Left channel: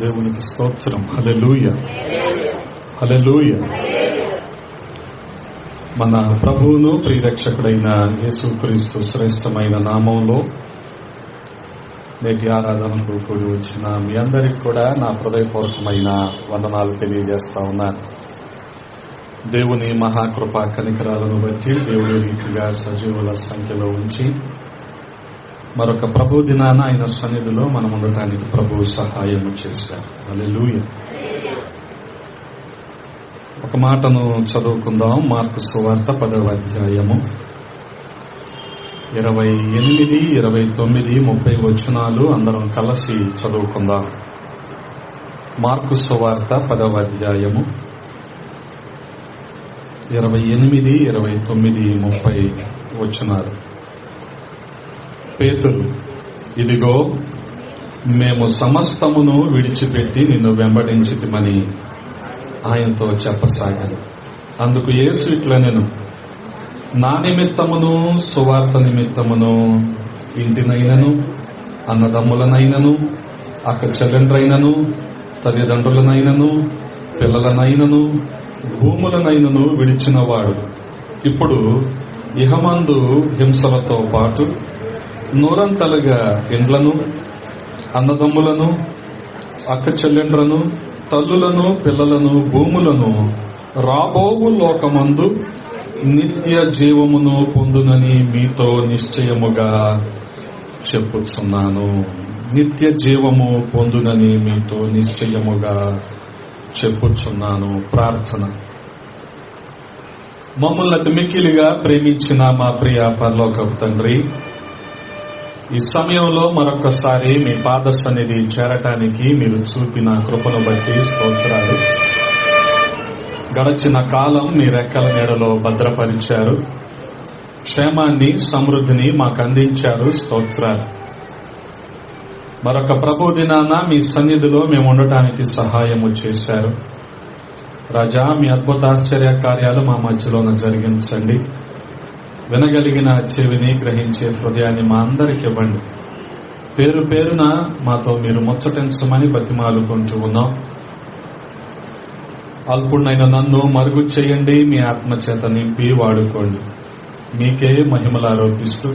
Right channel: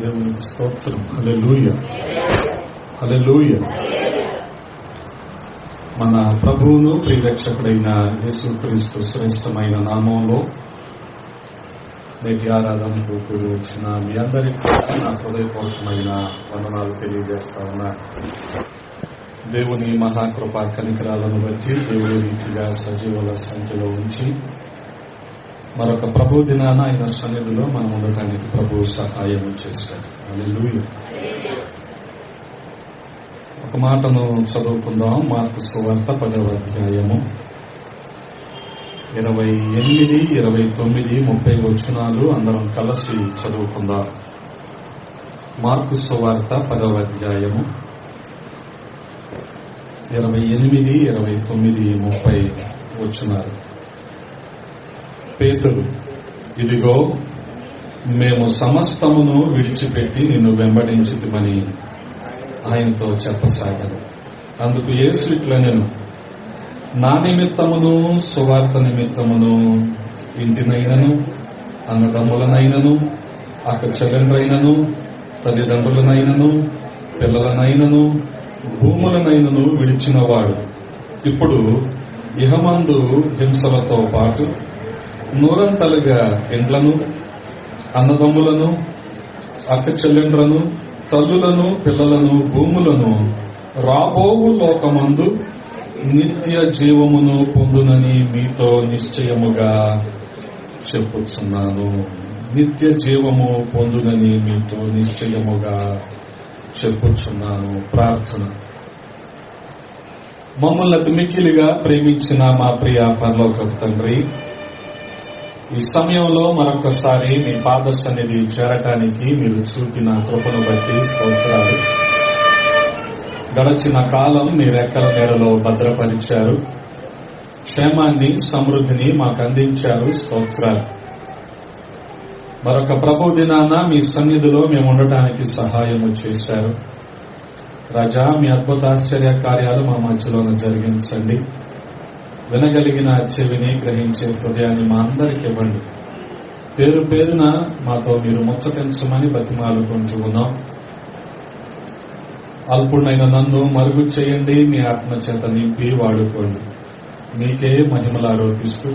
దేవునికి స్తోత్రం. హల్లెలూయా, హల్లెలూయా. మన ప్రభువును ప్రియరక్షకుడైన యేసుక్రీస్తు శ్రేష్టమైన నామంలో నేటి ఆరాధనకు కూడి వచ్చిన మీ అందరికీ కూడా నా హృదయపూర్వకమైన వందనాలు తెలియజేస్తా ఉన్నాను. దేవుని మహాకృపా కనికరాలను బట్టి దేవుడి రీతిగా సజీవుల సంఖ్యలో ఉంచి మరొక ప్రభు దినాన ఆయన సన్నిధిలో మనం ఉండటానికి ప్రభువు సహాయం చేశారు. హల్లెలూయా. ఒక మాటను చదువుకుందాం. మార్కు సువార్త 10వ అధ్యాయము 28, 29, 30 వచనాలు అందరం కలిసి చదువుకుందాం. మార్కు సువార్త 10వ అధ్యాయము 28, 29, 30 వచనాలు. పేతురు, ఇదిగో మేము సమస్తమును విడిచిపెట్టి నిన్ను వెంబడించితిమని ఆయనతో చెప్పసాగదు. అందుకు యేసు ఇట్లనెను, నా నిమిత్తమును సువార్త నిమిత్తమును ఇంటినైనను అన్నదమ్ములనైనను అక్క చెల్లెండ్రైనను తల్లిదండ్రులనైనను పిల్లలనైనను భూములనైనను విడిచినవాడు ఇప్పుడు ఇహమందు హింసలతో పాటు నూరంతలుగా ఇండ్లను అన్నదమ్ములను అక్క చెల్లెండ్లను తల్లులను పిల్లలను భూములను రాబోవు లోకమందు నిత్య జీవమును పొందునని మీతో నిశ్చయముగా చెప్పుచున్నాను. నిత్య జీవము పొందునని మీతో నిశ్చయముగా చెప్పుచున్నాను. ప్రార్థన. మమ్మల్ని అతి మిక్కిలిగా ప్రేమించిన మా ప్రియ పరలోకపు తండ్రి, ఈ సమయంలో మరొకసారి మీ పాద సన్నిధి చేరటానికి మీరు చూపిన కృపను బట్టి స్తోత్రాలు. గడచిన కాలం మీ రెక్కల నీడలో భద్రపరిచారు. క్షేమాన్ని సమృద్ధిని మాకు అందించారు. స్తోత్రాలు. మరొక ప్రభు దినాన మీ సన్నిధిలో మేము ఉండటానికి సహాయము చేశారు. రాజా, మీ అద్భుతాశ్చర్య కార్యాలు మా మధ్యలోన జరిగించండి. వినగలిగిన చెవిని, గ్రహించే హృదయాన్ని మా అందరికి ఇవ్వండి. పేరు పేరున మాతో మీరు ముచ్చటించమని బతిమాలుకుంటూ ఉన్నాం. అల్పుడైన నన్ను మరుగు చేయండి, మీ ఆత్మచేత నింపి వాడుకోండి. మీకే మహిమలు ఆరోపిస్తూ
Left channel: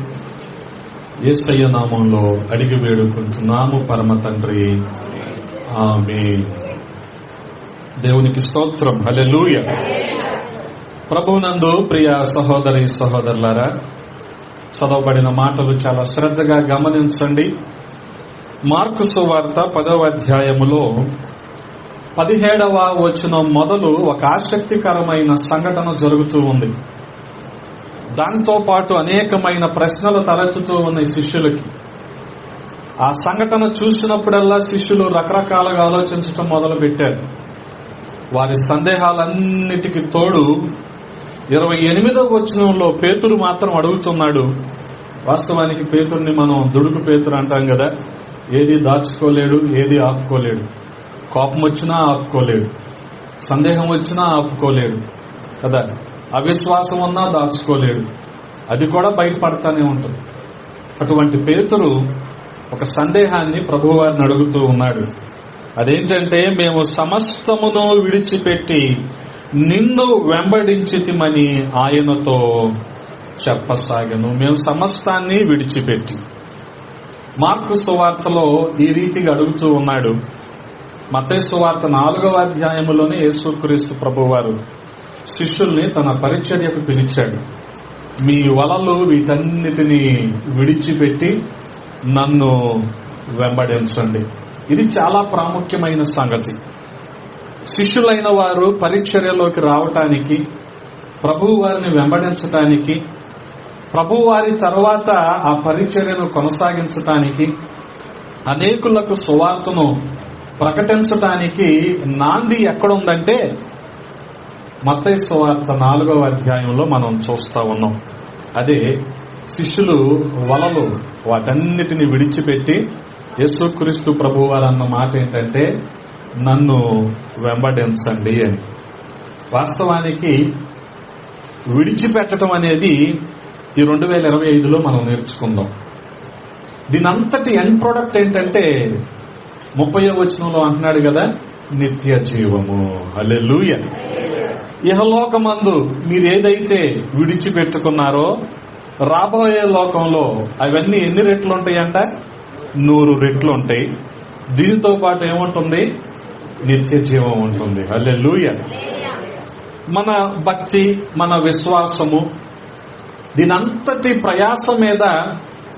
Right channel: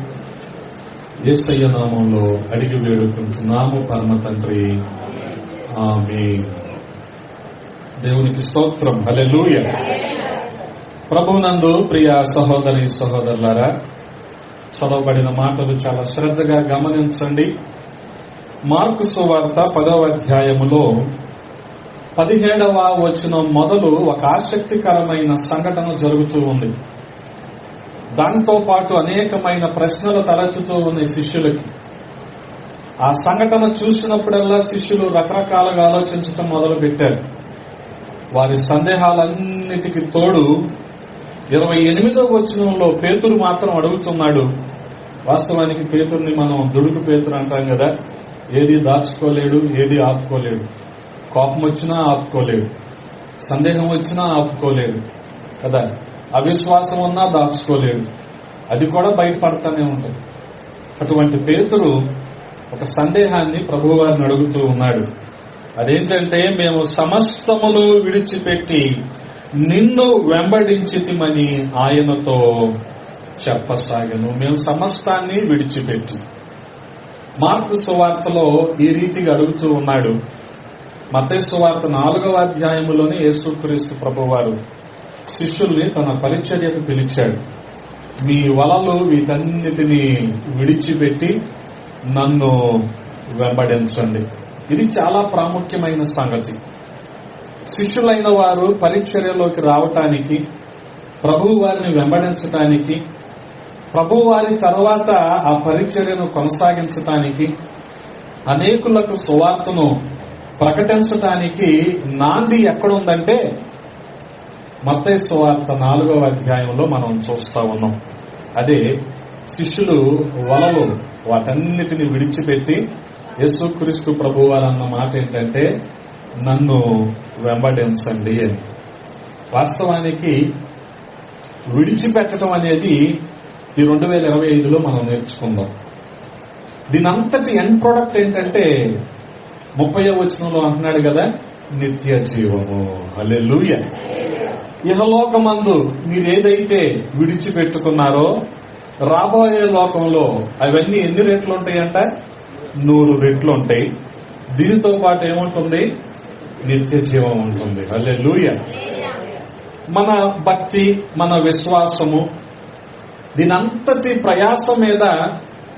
యేసయ్య నామంలో అడిగి వేడుకుంటున్నాము పరమ తండ్రి, ఆమేన్. దేవునికి స్తోత్రం. హల్లెలూయా. ప్రభువునందు ప్రియ సహోదరి సహోదరులారా, చదవబడిన మాటలు చాలా శ్రద్ధగా గమనించండి. మార్కు సువార్త 10వ అధ్యాయములో 17వ వచనం మొదలు ఒక ఆసక్తికరమైన సంఘటన జరుగుతూ ఉంది. దాంతో పాటు అనేకమైన ప్రశ్నలు తలెత్తుతూ ఉన్నాయి శిష్యులకి. ఆ సంఘటన చూసినప్పుడల్లా శిష్యులు రకరకాలుగా ఆలోచించడం మొదలు పెట్టారు. వారి సందేహాలన్నిటికీ తోడు 28వ వచనంలో పేతురు మాత్రం అడుగుతున్నాడు. వాస్తవానికి పేతురుని మనం దుడుకు పేతురు అంటాం కదా. ఏది దాచుకోలేడు, ఏది ఆపుకోలేడు. కోపం వచ్చినా ఆపుకోలేడు, సందేహం వచ్చినా ఆపుకోలేడు కదా. అవిశ్వాసం ఉన్నా దాచుకోలేడు, అది కూడా బయటపడతానే ఉంటుంది. అటువంటి పేతురు ఒక సందేహాన్ని ప్రభువారిని అడుగుతూ ఉన్నాడు. అదేంటంటే, మేము సమస్తమును విడిచిపెట్టి నిన్ను వెంబడించితిమని ఆయనతో చెప్పసాగను. మేము సమస్తాన్ని విడిచిపెట్టి. మార్కు సువార్తలో ఈ రీతిగా అడుగుతూ ఉన్నాడు. మత్తయి సువార్త 4వ అధ్యాయములోనే యేసుక్రీస్తు ప్రభువారు శిష్యుల్ని తన పరిచర్యకు పిలిచాడు. మీ వలలు వీటన్నిటినీ విడిచిపెట్టి నన్ను వెంబడించండి. ఇది చాలా ప్రాముఖ్యమైన సంగతి. శిష్యులైన వారు పరిచర్యలోకి రావటానికి, ప్రభు వారిని వెంబడించటానికి, ప్రభు వారి తర్వాత ఆ పరిచర్యను కొనసాగించటానికి, అనేకులకు సువార్తను ప్రకటించటానికి నాంది ఎక్కడుందంటే మత్తయి సువార్త 4వ అధ్యాయంలో మనం చూస్తా ఉన్నాం. అదే శిష్యులు వలలు వాటన్నిటిని విడిచిపెట్టి యేసుక్రీస్తు ప్రభువారు అన్న మాట ఏంటంటే, నన్ను వెంబడించండి అని. వాస్తవానికి విడిచిపెట్టడం అనేది ఈ 2025లో మనం నేర్చుకుందాం. దీనంతటి ఎండ్ ప్రొడక్ట్ ఏంటంటే 30వ వచనంలో అంటున్నాడు కదా, నిత్య జీవము. హల్లెలూయా. ఇహలోకమందు మీరు ఏదైతే విడిచిపెట్టుకున్నారో రాబోయే లోకంలో అవన్నీ ఎన్ని రెట్లు ఉంటాయంట? 100 రెట్లు ఉంటాయి. దీనితో పాటు ఏముంటుంది? నిత్య జీవం ఉంటుంది. హల్లెలూయా. మన భక్తి, మన విశ్వాసము, దీనంతటి ప్రయాస మీద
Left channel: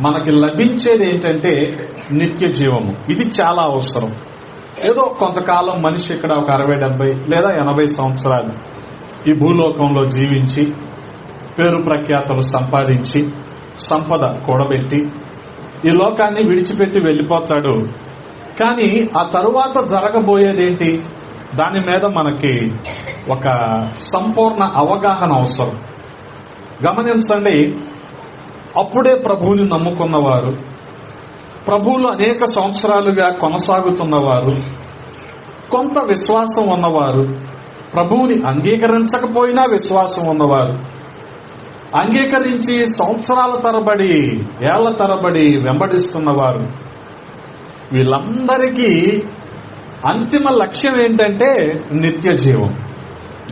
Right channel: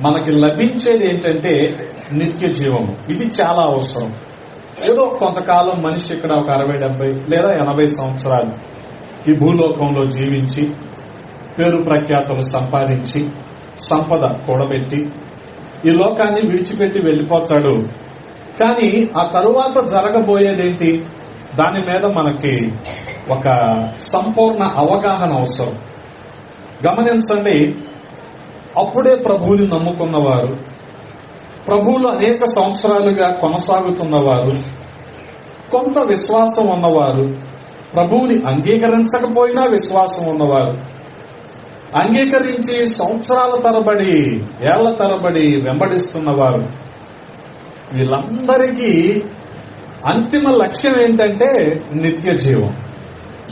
మనకి లభించేది ఏంటంటే నిత్య జీవము. ఇది చాలా అవసరం. ఏదో కొంతకాలం మనిషి ఇక్కడ ఒక 60, 70 లేదా 80 సంవత్సరాలు ఈ భూలోకంలో జీవించి పేరు ప్రఖ్యాతులు సంపాదించి సంపద కూడబెట్టి ఈ లోకాన్ని విడిచిపెట్టి వెళ్ళిపోతాడు. కానీ ఆ తరువాత జరగబోయేదేంటి? దాని మీద మనకి ఒక సంపూర్ణ అవగాహన అవసరం. గమనించండి, అప్పుడే ప్రభువుని నమ్ముకున్నవారు, ప్రభువులు అనేక సంవత్సరాలుగా కొనసాగుతున్నవారు, కొంత విశ్వాసం ఉన్నవారు, ప్రభువుని అంగీకరించకపోయినా విశ్వాసం ఉన్నవారు, అంగీకరించి సంవత్సరాల తరబడి, ఏళ్ల తరబడి వెంబడిస్తున్నవారు, వీళ్ళందరికీ అంతిమ లక్ష్యం ఏంటంటే నిత్య జీవం.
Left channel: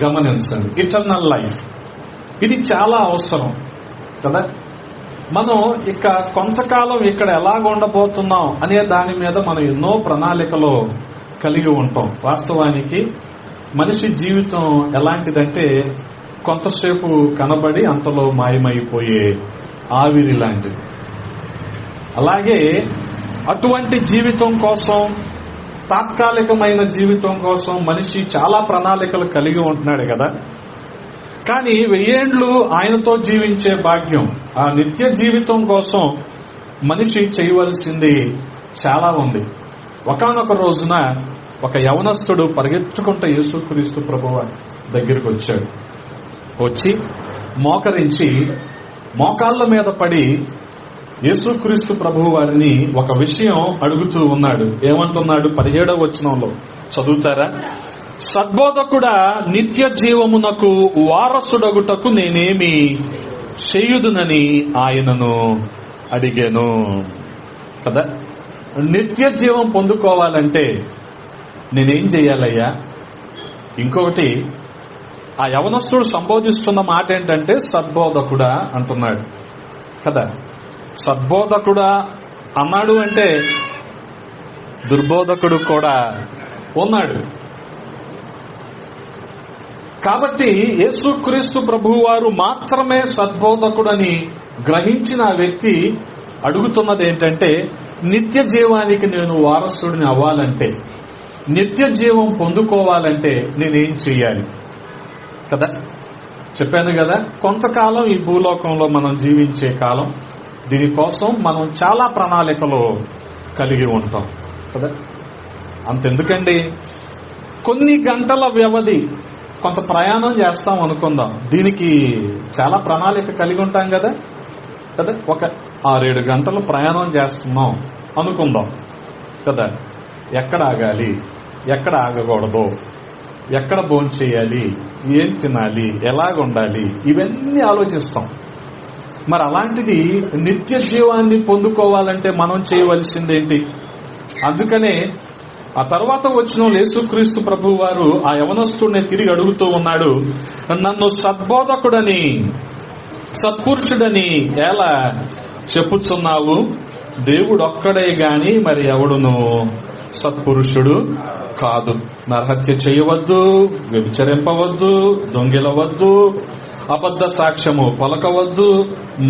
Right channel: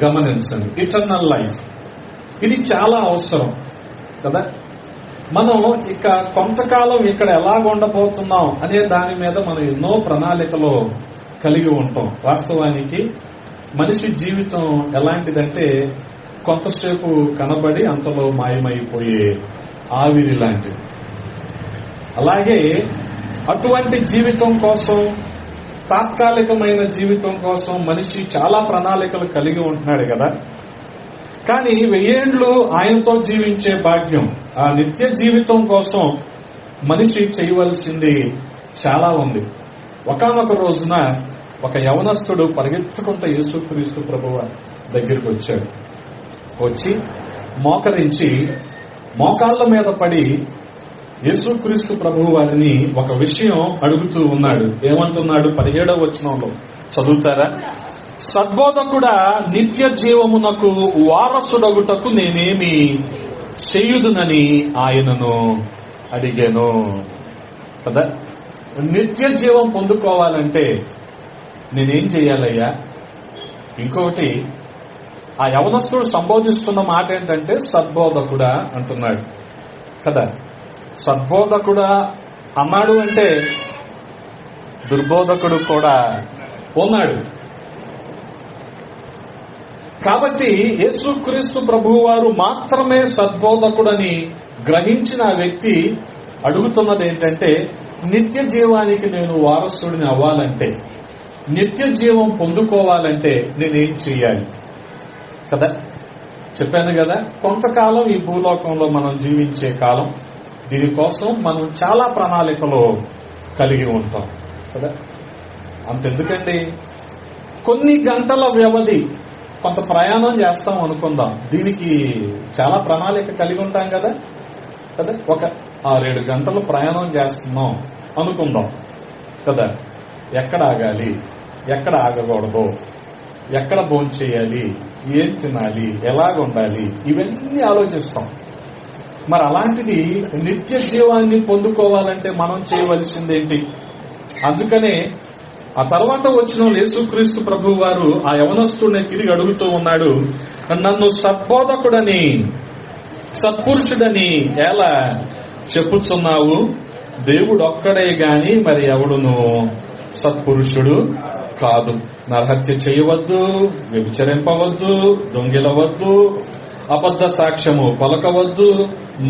గమనించండి, ఇటర్నల్ లైఫ్. ఇది చాలా అవసరం కదా. మనం ఇక కొంతకాలం ఇక్కడ ఎలాగ ఉండబోతున్నాం అనే దాని మీద మనం ఎన్నో ప్రణాళికలు కలిగి ఉంటాం. వాస్తవానికి మనిషి జీవితం ఎలాంటిదంటే కొంతసేపు కనబడి అంతలో మాయమైపోయే ఆవిరి లాంటిది. అలాగే అటువంటి జీవితం కోసం, తాత్కాలికమైన జీవితం కోసం మనిషి చాలా ప్రణాళికలు కలిగి ఉంటున్నాడు కదా. కానీ 1000 ఏళ్లు ఆయనతో జీవించే భాగ్యం, ఆ నిత్య జీవితం కోసం మనిషి చేయవలసింది చాలా ఉంది. ఒకానొక రోజున ఒక యవనస్తుడు పరిగెత్తుకుంటూ యేసుక్రీస్తు ప్రభువు దగ్గరికి వచ్చాడు. వచ్చి మోకరించి మోకాళ్ళ మీద పడి యేసుక్రీస్తు ప్రభువు వారిని ఒక విషయం అడుగుతూ ఉన్నాడు. ఏమంటున్నాడు? 17వ వచనంలో చదువుతారా? సద్బోధకుడా, నిత్య జీవమునకు వారసుడగుటకు నేనేమి చేయుదునని ఆయనను అడిగాను కదా. నిత్య జీవం పొందుకోవాలంటే నేనేం చెయ్యాలయ్యా? ఇంకొకటి, ఆ యవనస్తుడు సంబోధిస్తున్న మాట ఏంటంటే సద్బోధకుడా అంటున్నాడు కదా. సద్బోధకుడా అన్నాడు అంటే దుర్బోధకుడు కూడా ఉన్నాడు. కాబట్టి యేసుక్రీస్తు ప్రభువు వారు మాత్రమే సద్బోధకుడని గ్రహించిన వ్యక్తి అడుగుతున్నది ఏంటంటే, నిత్య జీవానికి నేను వారసుడిని అవ్వాలంటే, నిత్య జీవం పొందుకోవాలంటే నేనేం చెయ్యాలి కదా. చెప్పాను కదా, కొంతకాలం ఈ భూలోకంలో మనం జీవించే కాలం, దీనికోసం మనం చాలా ప్రణాళికలు కలిగి ఉంటాం కదా. అంతెందుకండి, కొన్ని గంటల వ్యవధి కొంత ప్రయాణం చేస్తాం అనుకుందాం, దీనికి చాలా ప్రణాళిక కలిగి ఉంటాం కదా. ఒక 6-7 గంటలు ప్రయాణం చేస్తున్నాం అనుకుందాం కదా. ఎక్కడ ఆగాలి, ఎక్కడ ఆగకూడదు, ఎక్కడ భోంచేయాలి, ఏం తినాలి, ఎలాగుండాలి, ఇవన్నీ ఆలోచిస్తాం. మరి అలాంటిది నిత్య జీవాన్ని పొందుకోవాలంటే మనం చేయవలసిందేంటి? అందుకనే ఆ తర్వాత వచ్చిన యేసుక్రీస్తు ప్రభు వారు ఆ యవనస్తుడిని తిరిగి అడుగుతూ ఉన్నాడు, నన్ను సద్బోధకుడని, సత్పురుషుడని ఎలా చెప్పుచున్నావు? దేవుడు ఒక్కడే గాని మరి ఎవడును సత్పురుషుడు కాదు. నరహత్య చేయవద్దు, వ్యభిచరింపవద్దు, దొంగిలవద్దు, అబద్ధ సాక్ష్యము పలకవద్దు,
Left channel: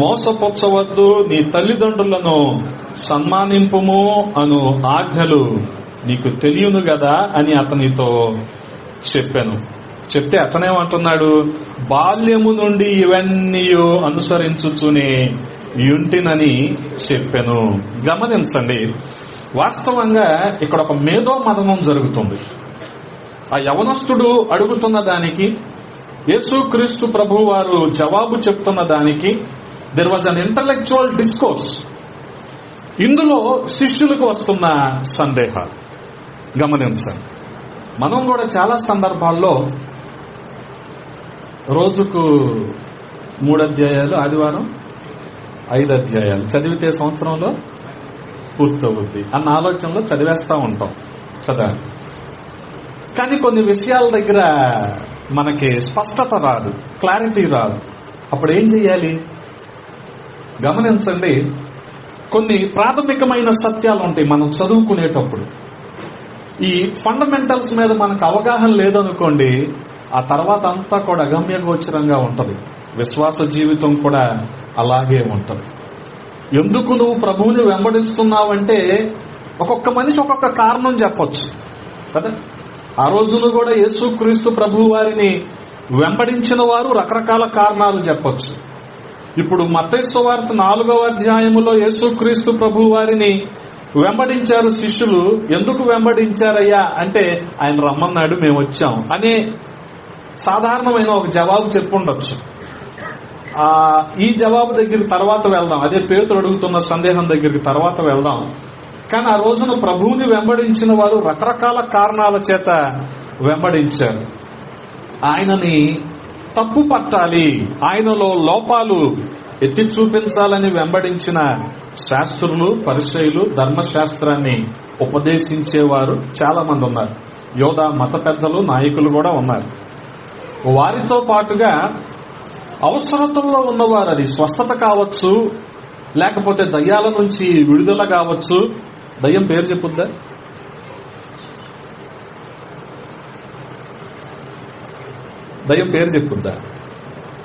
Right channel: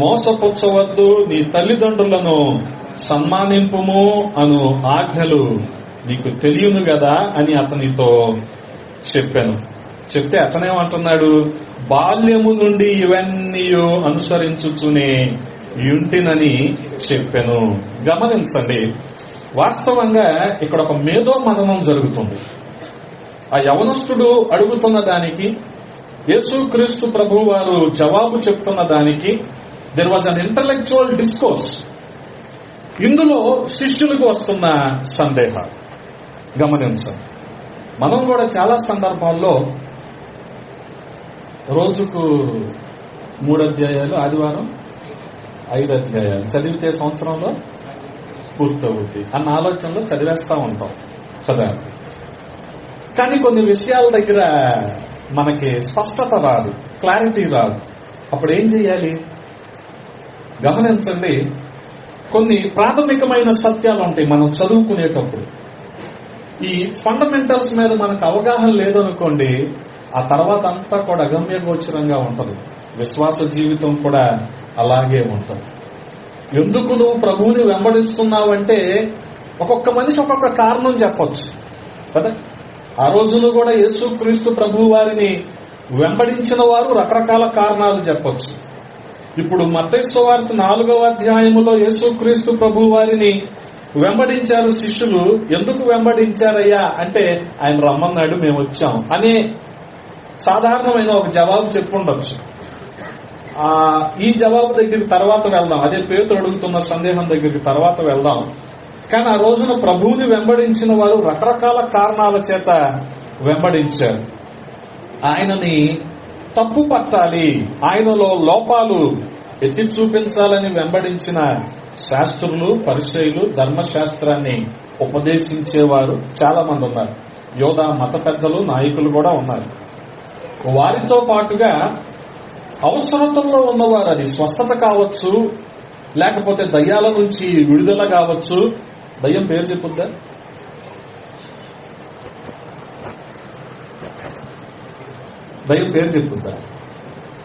మోసపుచ్చవద్దు, నీ తల్లిదండ్రులను సన్మానింపుము అను ఆజ్ఞలు నీకు తెలియను కదా అని అతనితో చెప్పాను. చెప్తే అతనేమంటున్నాడు, బాల్యము నుండి ఇవన్నీ అనుసరించుచునే యుంటినని చెప్పాను. గమనించండి, వాస్తవంగా ఇక్కడ ఒక మేధో మదనం జరుగుతుంది. ఆ యవనస్తుడు అడుగుతున్న దానికి, యేసుక్రీస్తు ప్రభు వారు జవాబు చెప్తున్న దానికి there was an intellectual discourse. ఇందులో శిష్యులకు వస్తున్న సందేహం గమనించండి. మనం కూడా చాలా సందర్భాల్లో రోజుకు 3 అధ్యాయాలు, ఆదివారం 5 అధ్యాయాలు చదివితే సంవత్సరంలో పూర్తవుద్ది అన్న ఆలోచనలో చదివేస్తా ఉంటాం కదా. కానీ కొన్ని విషయాల దగ్గర మనకి స్పష్టత రాదు, క్లారిటీ రాదు. అప్పుడు ఏం చేయాలి? గమనించండి, కొన్ని ప్రాథమికమైన సత్యాలు ఉంటాయి మనం చదువుకునేటప్పుడు. ఈ ఫండమెంటల్స్ మీద మనకు అవగాహన లేదనుకోండి, ఆ తర్వాత అంతా కూడా అగమ్యగోచరంగా ఉంటుంది. విశ్వాస జీవితం కూడా అలాగే ఉంటుంది. ఎందుకు నువ్వు ప్రభువుని వెంబడిస్తున్నావు అంటే ఒక్కొక్క మనిషి ఒక్కొక్క కారణం చెప్పొచ్చు కదా. ఆ రోజుల్లో కూడా యేసుక్రీస్తు ప్రభు వారిని వెంబడించిన వారు రకరకాల కారణాలు చెప్పొచ్చు. ఇప్పుడు మత్తయి సువార్త 4వ అధ్యాయములో యేసుక్రీస్తు ప్రభు వారిని వెంబడించారు శిష్యులు. ఎందుకు వెంబడించారయ్యా అంటే ఆయన రమ్మన్నాడు, మేము వచ్చాం అనే సాధారణమైన ఒక జవాబు చెప్పుండొచ్చు. ఈ జవాబు దగ్గరికి తర్వాత వెళ్దాం, అదే పేతురు అడుగుతున్న సందేహం దగ్గరికి తర్వాత వెళ్దాం. కానీ ఆ రోజున ప్రభువుని వెంబడించిన వారు రకరకాల కారణాల చేత వెంబడించారు. ఆయనని తప్పు పట్టాలి, ఆయనలో లోపాలు ఎత్తి చూపించాలని వెంబడించిన శాస్త్రులు, పరిసయ్యులు, ధర్మశాస్త్రాన్ని ఉపదేశించేవారు చాలా మంది ఉన్నారు. యోధా మత పెద్దలు, నాయకులు కూడా ఉన్నారు. వారితో పాటుగా అవసరతల్లో ఉన్నవారు, అది స్వస్థత కావచ్చు, లేకపోతే దయ్యాల నుంచి విడుదల కావచ్చు. దయ్యం పేరు చెప్పుద్దా? దయ్యం పేరు చెప్పుద్దా?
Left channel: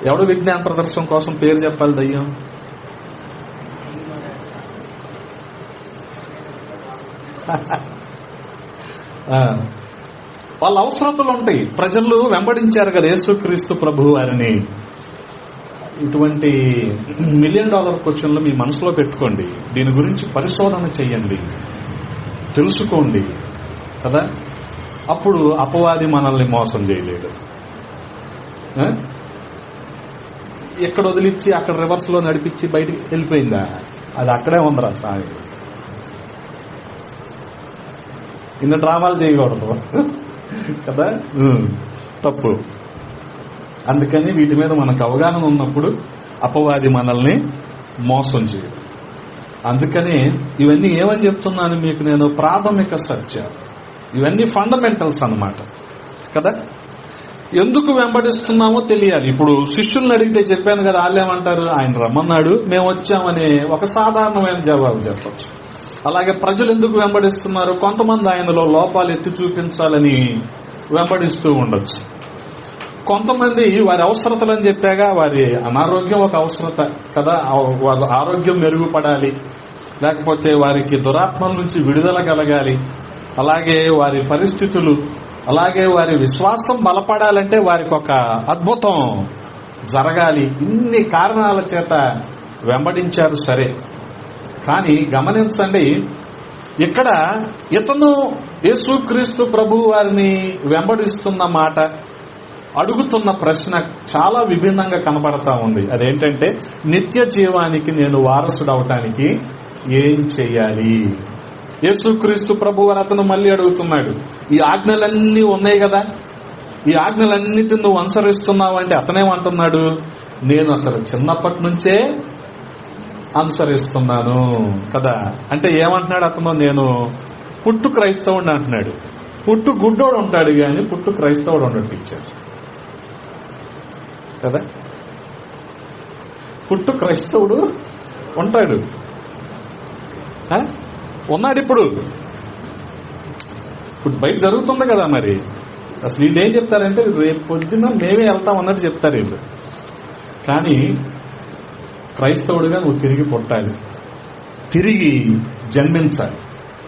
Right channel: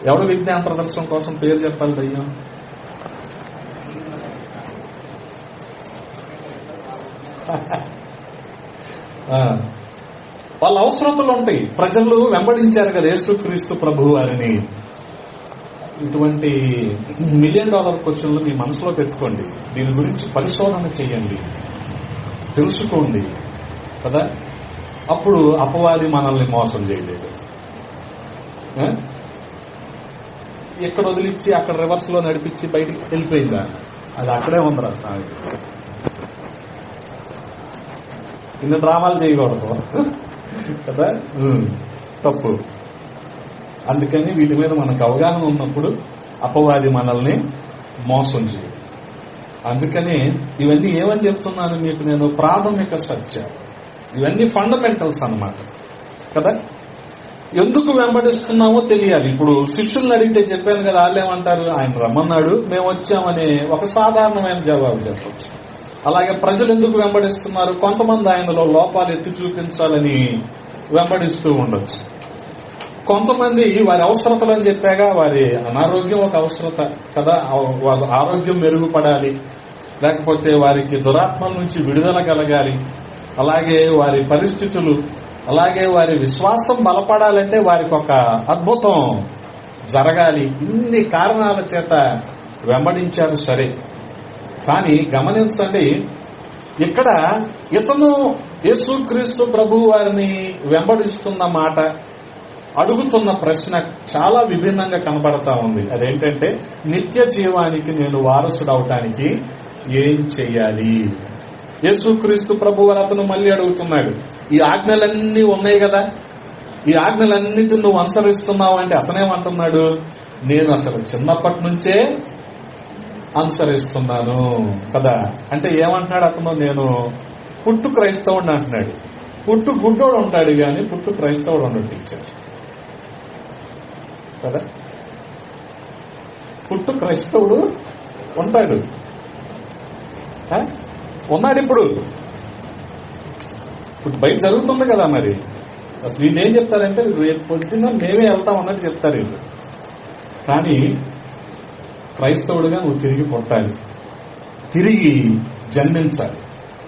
ఎవడు విజ్ఞాన ప్రదర్శన కోసం పేరు చెప్పాలి? దయ్యం వాళ్ళ అవసరతలు ఉంటాయి. ప్రజలు వెంబడించారు కదా యేసుక్రీస్తు ప్రభు వారిని. ఇటువంటి $1 మిలియన్ క్వశ్చన్లు మీ మనసులో పెట్టుకోండి. దీని గురించి పరిశోధన చేయండి, తెలుసుకోండి కదా. అప్పుడు అపవాది మనల్ని మోసం చేయలేదు. ఎక్కడ వదిలిచ్చి అక్కడ రివర్స్ లో నడిపించి బయటికి వెళ్ళిపోయిందా? అది అక్కడే ఉందిరా సాయి. ఇన్ని డ్రామాలు చేయకూడదు కదా, తప్పు. అందుకని వీటి మీద మనకు అవగాహన ఉన్నప్పుడు అపవాది మనల్ని మోసం చేయదు. అందుకని ఇవన్నీ ఏమని చెప్తున్నాను మీకు నేను? ప్రాథమిక సత్యం. ఇవన్నీ ఫండమెంటల్స్ అన్నమాట కదా. ఎందుకు వెంబడిస్తున్నామో తెలియాలి. ఇప్పుడు శిష్యుల్ని అడిగితే చెప్పాను కదా, వాళ్ళేమంటారు? ఆయన రమ్మన్నాడు, మేము వచ్చామనే ఒక సాధారణమైన జవాబు చెప్పచ్చు. అలాగే ప్రజలు ఎందుకు వెంబడిస్తున్నారు? కొంతమంది ఆయనలో లోపాలు ఎత్తి చూపించాలని వెంబడిస్తూ ఉండొచ్చు. కొంతమంది వారి అవసరతలని చెప్పాగా, వారి అనారోగ్యం ఒక అవసరత కదా, వాళ్ళ ఆరోగ్యం మెరుగుపడాలి, లేకపోతే వారికి దురాత్మల నుంచి విడుదల కలగాలి, అలాగే వారి పరిస్థితులు, అలాగే వారి విశ్వాసం బలపడాలంటే వారికి ఒక అద్భుతం జరగాలి. ఇన్ని కారణాల చేత వెంబడించారు. సరే, కానీ గమనించండి, ఇక్కడ ఇతను యేసుక్రీస్తు ప్రభు వారిని వెంబడిస్తున్న మాట, అడుగుతున్న ప్రశ్న చాలా విభిన్నంగా కనబడతా ఉంది. అదేంటంటే, నిత్య జీవానికి నేను వారసుడవటానికి ఏం చెయ్యాలి? యేసుక్రీస్తు ప్రభు వారు అతను మళ్ళీ అడుగుతున్నాడు, ఈ ఆజ్ఞలన్నీ ఉన్నాయి కదా, ఈ ఆజ్ఞలన్నిటిని నువ్వు అనుసరిస్తున్నావు అంటే అతనేమంటున్నాడు? నేను అసలు చిన్నప్పటి నుంచే అనుసరిస్తున్నాను కదా. అంటే ఏమంటున్నాడు అతను? నేను పుట్టు క్రైస్తవుడు అంటున్నాడు. పుట్టు గుడ్డోడు ఉంటాడు కానీ పుట్టు క్రైస్తవుడు ఉండడు ఇచ్చాడు కదా. పుట్టు క్రైస్తవుడు ఉంటాడు, ఉన్నాడు. ఇప్పుడు బయట జరుగుతుంది కదా. మరి అసలు వీళ్ళు ఏం చెప్తారంటే, రేపు పొద్దున్న మేమే వెళ్తాం అన్నట్టు చెప్తారు వీళ్ళు. కానీ క్రైస్తవుడిగా నువ్వు తిరిగి పుట్టాలి, తిరిగి జన్మించాలి.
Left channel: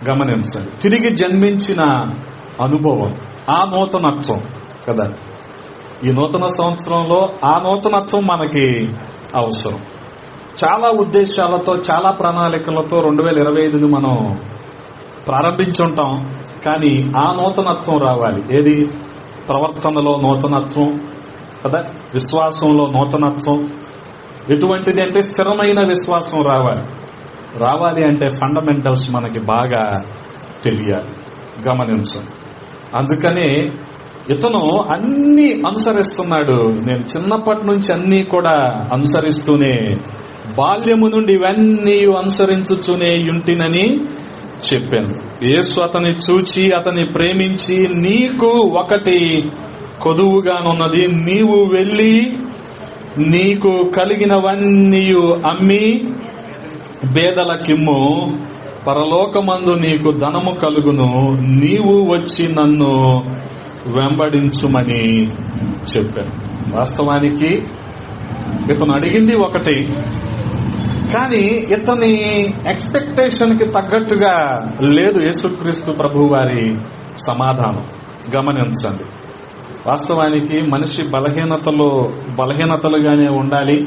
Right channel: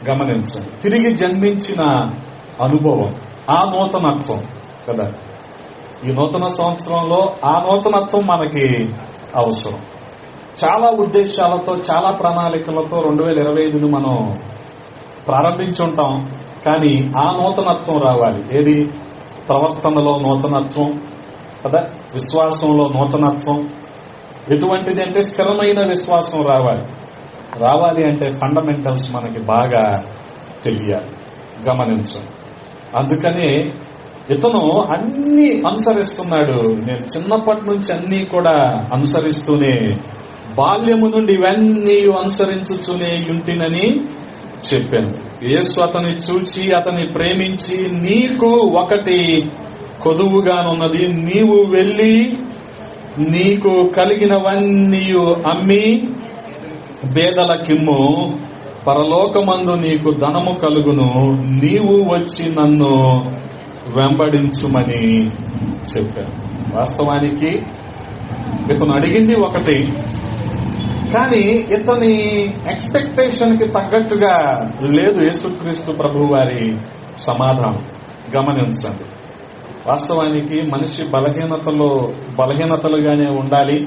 గమనించాలి, తిరిగి జన్మించిన అనుభవం, ఆ నూతనత్వం కదా. ఈ నూతన సంవత్సరంలో ఆ నూతనత్వం మనకి అవసరం. చాలా ఉద్దేశాలతో, చాలా ప్రణాళికలతో 2025ని మనం ప్రారంభించుంటాం. కానీ ఆ నూతనత్వం రావాలి. ఏది? ప్రవర్తనలో నూతనత్వం కదా, విశ్వాసంలో నూతనత్వం. ఎటువంటిది అంటే స్థిరమైన విశ్వాసం రావాలి. రావాలి అంటే ఫండమెంటల్స్ మనకి బాగా తెలియాలి. గమనించండి. అందుకనే ఇతను అన్ని అనుసరిస్తున్నాడు. నేను చిన్నప్పటి నుంచి అన్ని కూడా అనుసరిస్తూనే, బాల్యము నుండి ఇవన్నీ అనుసరించుతూనే ఉంటినని చెప్పాను. యేసు అతన్ని చూచి అతన్ని ప్రేమించి, నీకు ఒకటి కొదువుగానున్నది, నీవు వెళ్ళి నీకు కలిగినవన్నీ అమ్మి బేదలకిమ్ము, పరలోకమందు నీకు ధనము కలుగును, నీవు వచ్చి నన్ను వెంబడించుమని చెప్పాను. వాస్తవానికి ఇతను అడిగింది ఒకటి, కానీ ఇతని ఎక్స్పెక్టేషన్ కి తగ్గట్టుగా లేదు యేసుక్రీస్తు ప్రభు వారి సమాధానం. గమనించండి. వాస్తవానికి మనిషి బలహీనతలుగానే ఉండాలి,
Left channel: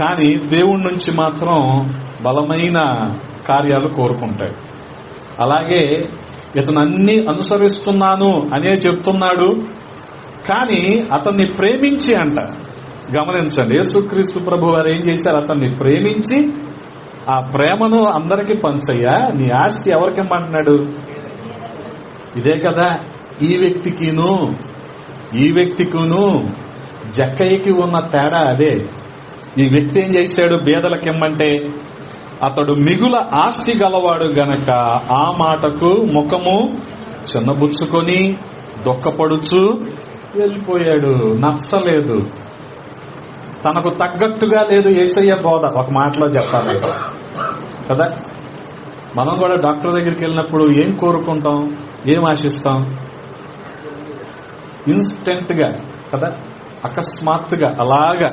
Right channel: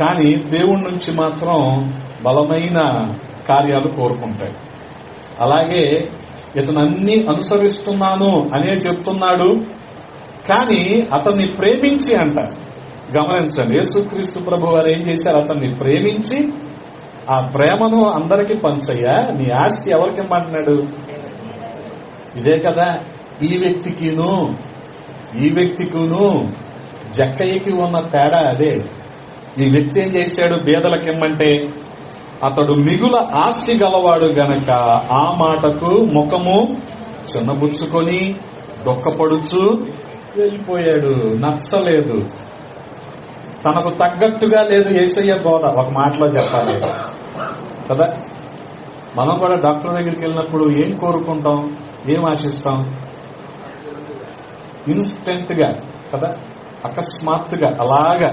కానీ దేవుడి నుంచి మాత్రం బలమైన కార్యాలు కోరుకుంటాడు. అలాగే ఇతను అన్ని అనుసరిస్తున్నాను అనే చెప్తున్నాడు, కానీ అతన్ని ప్రేమించి అంట. గమనించండి, యేసుక్రీస్తు ప్రభు వారు ఏం చేశారు? అతన్ని ప్రేమించి ఆ ప్రేమను అందరికీ పంచయ్యా, నీ ఆస్తి ఎవరికి ఇమ్మంటున్నాడు? ఇదే కదా ఈ వ్యక్తికిను జక్కయ్యకి ఉన్న తేడా అదే. ఈ వ్యక్తి ఏం చేశాడు? బేదలకు ఇమ్మంటే అతడు మిగుల ఆస్తి గలవాడు గనక ఆ మాటకు ముఖము చిన్నబుచ్చుకొని దొక్కపడుచు వెళ్ళిపోయాడు. నచ్చలేదు, తనకు తగ్గట్టుగా లేదు యేసయ్య బోధ. ఒక మాటలో చెప్పాలి కదా, మనం కూడా డాక్టర్ దగ్గరికి వెళ్ళినప్పుడు ఏం కోరుకుంటాం, ఏం ఆశిస్తాం? ఇన్స్టెంట్ గా కదా, అకస్మాత్తుగా అలాగా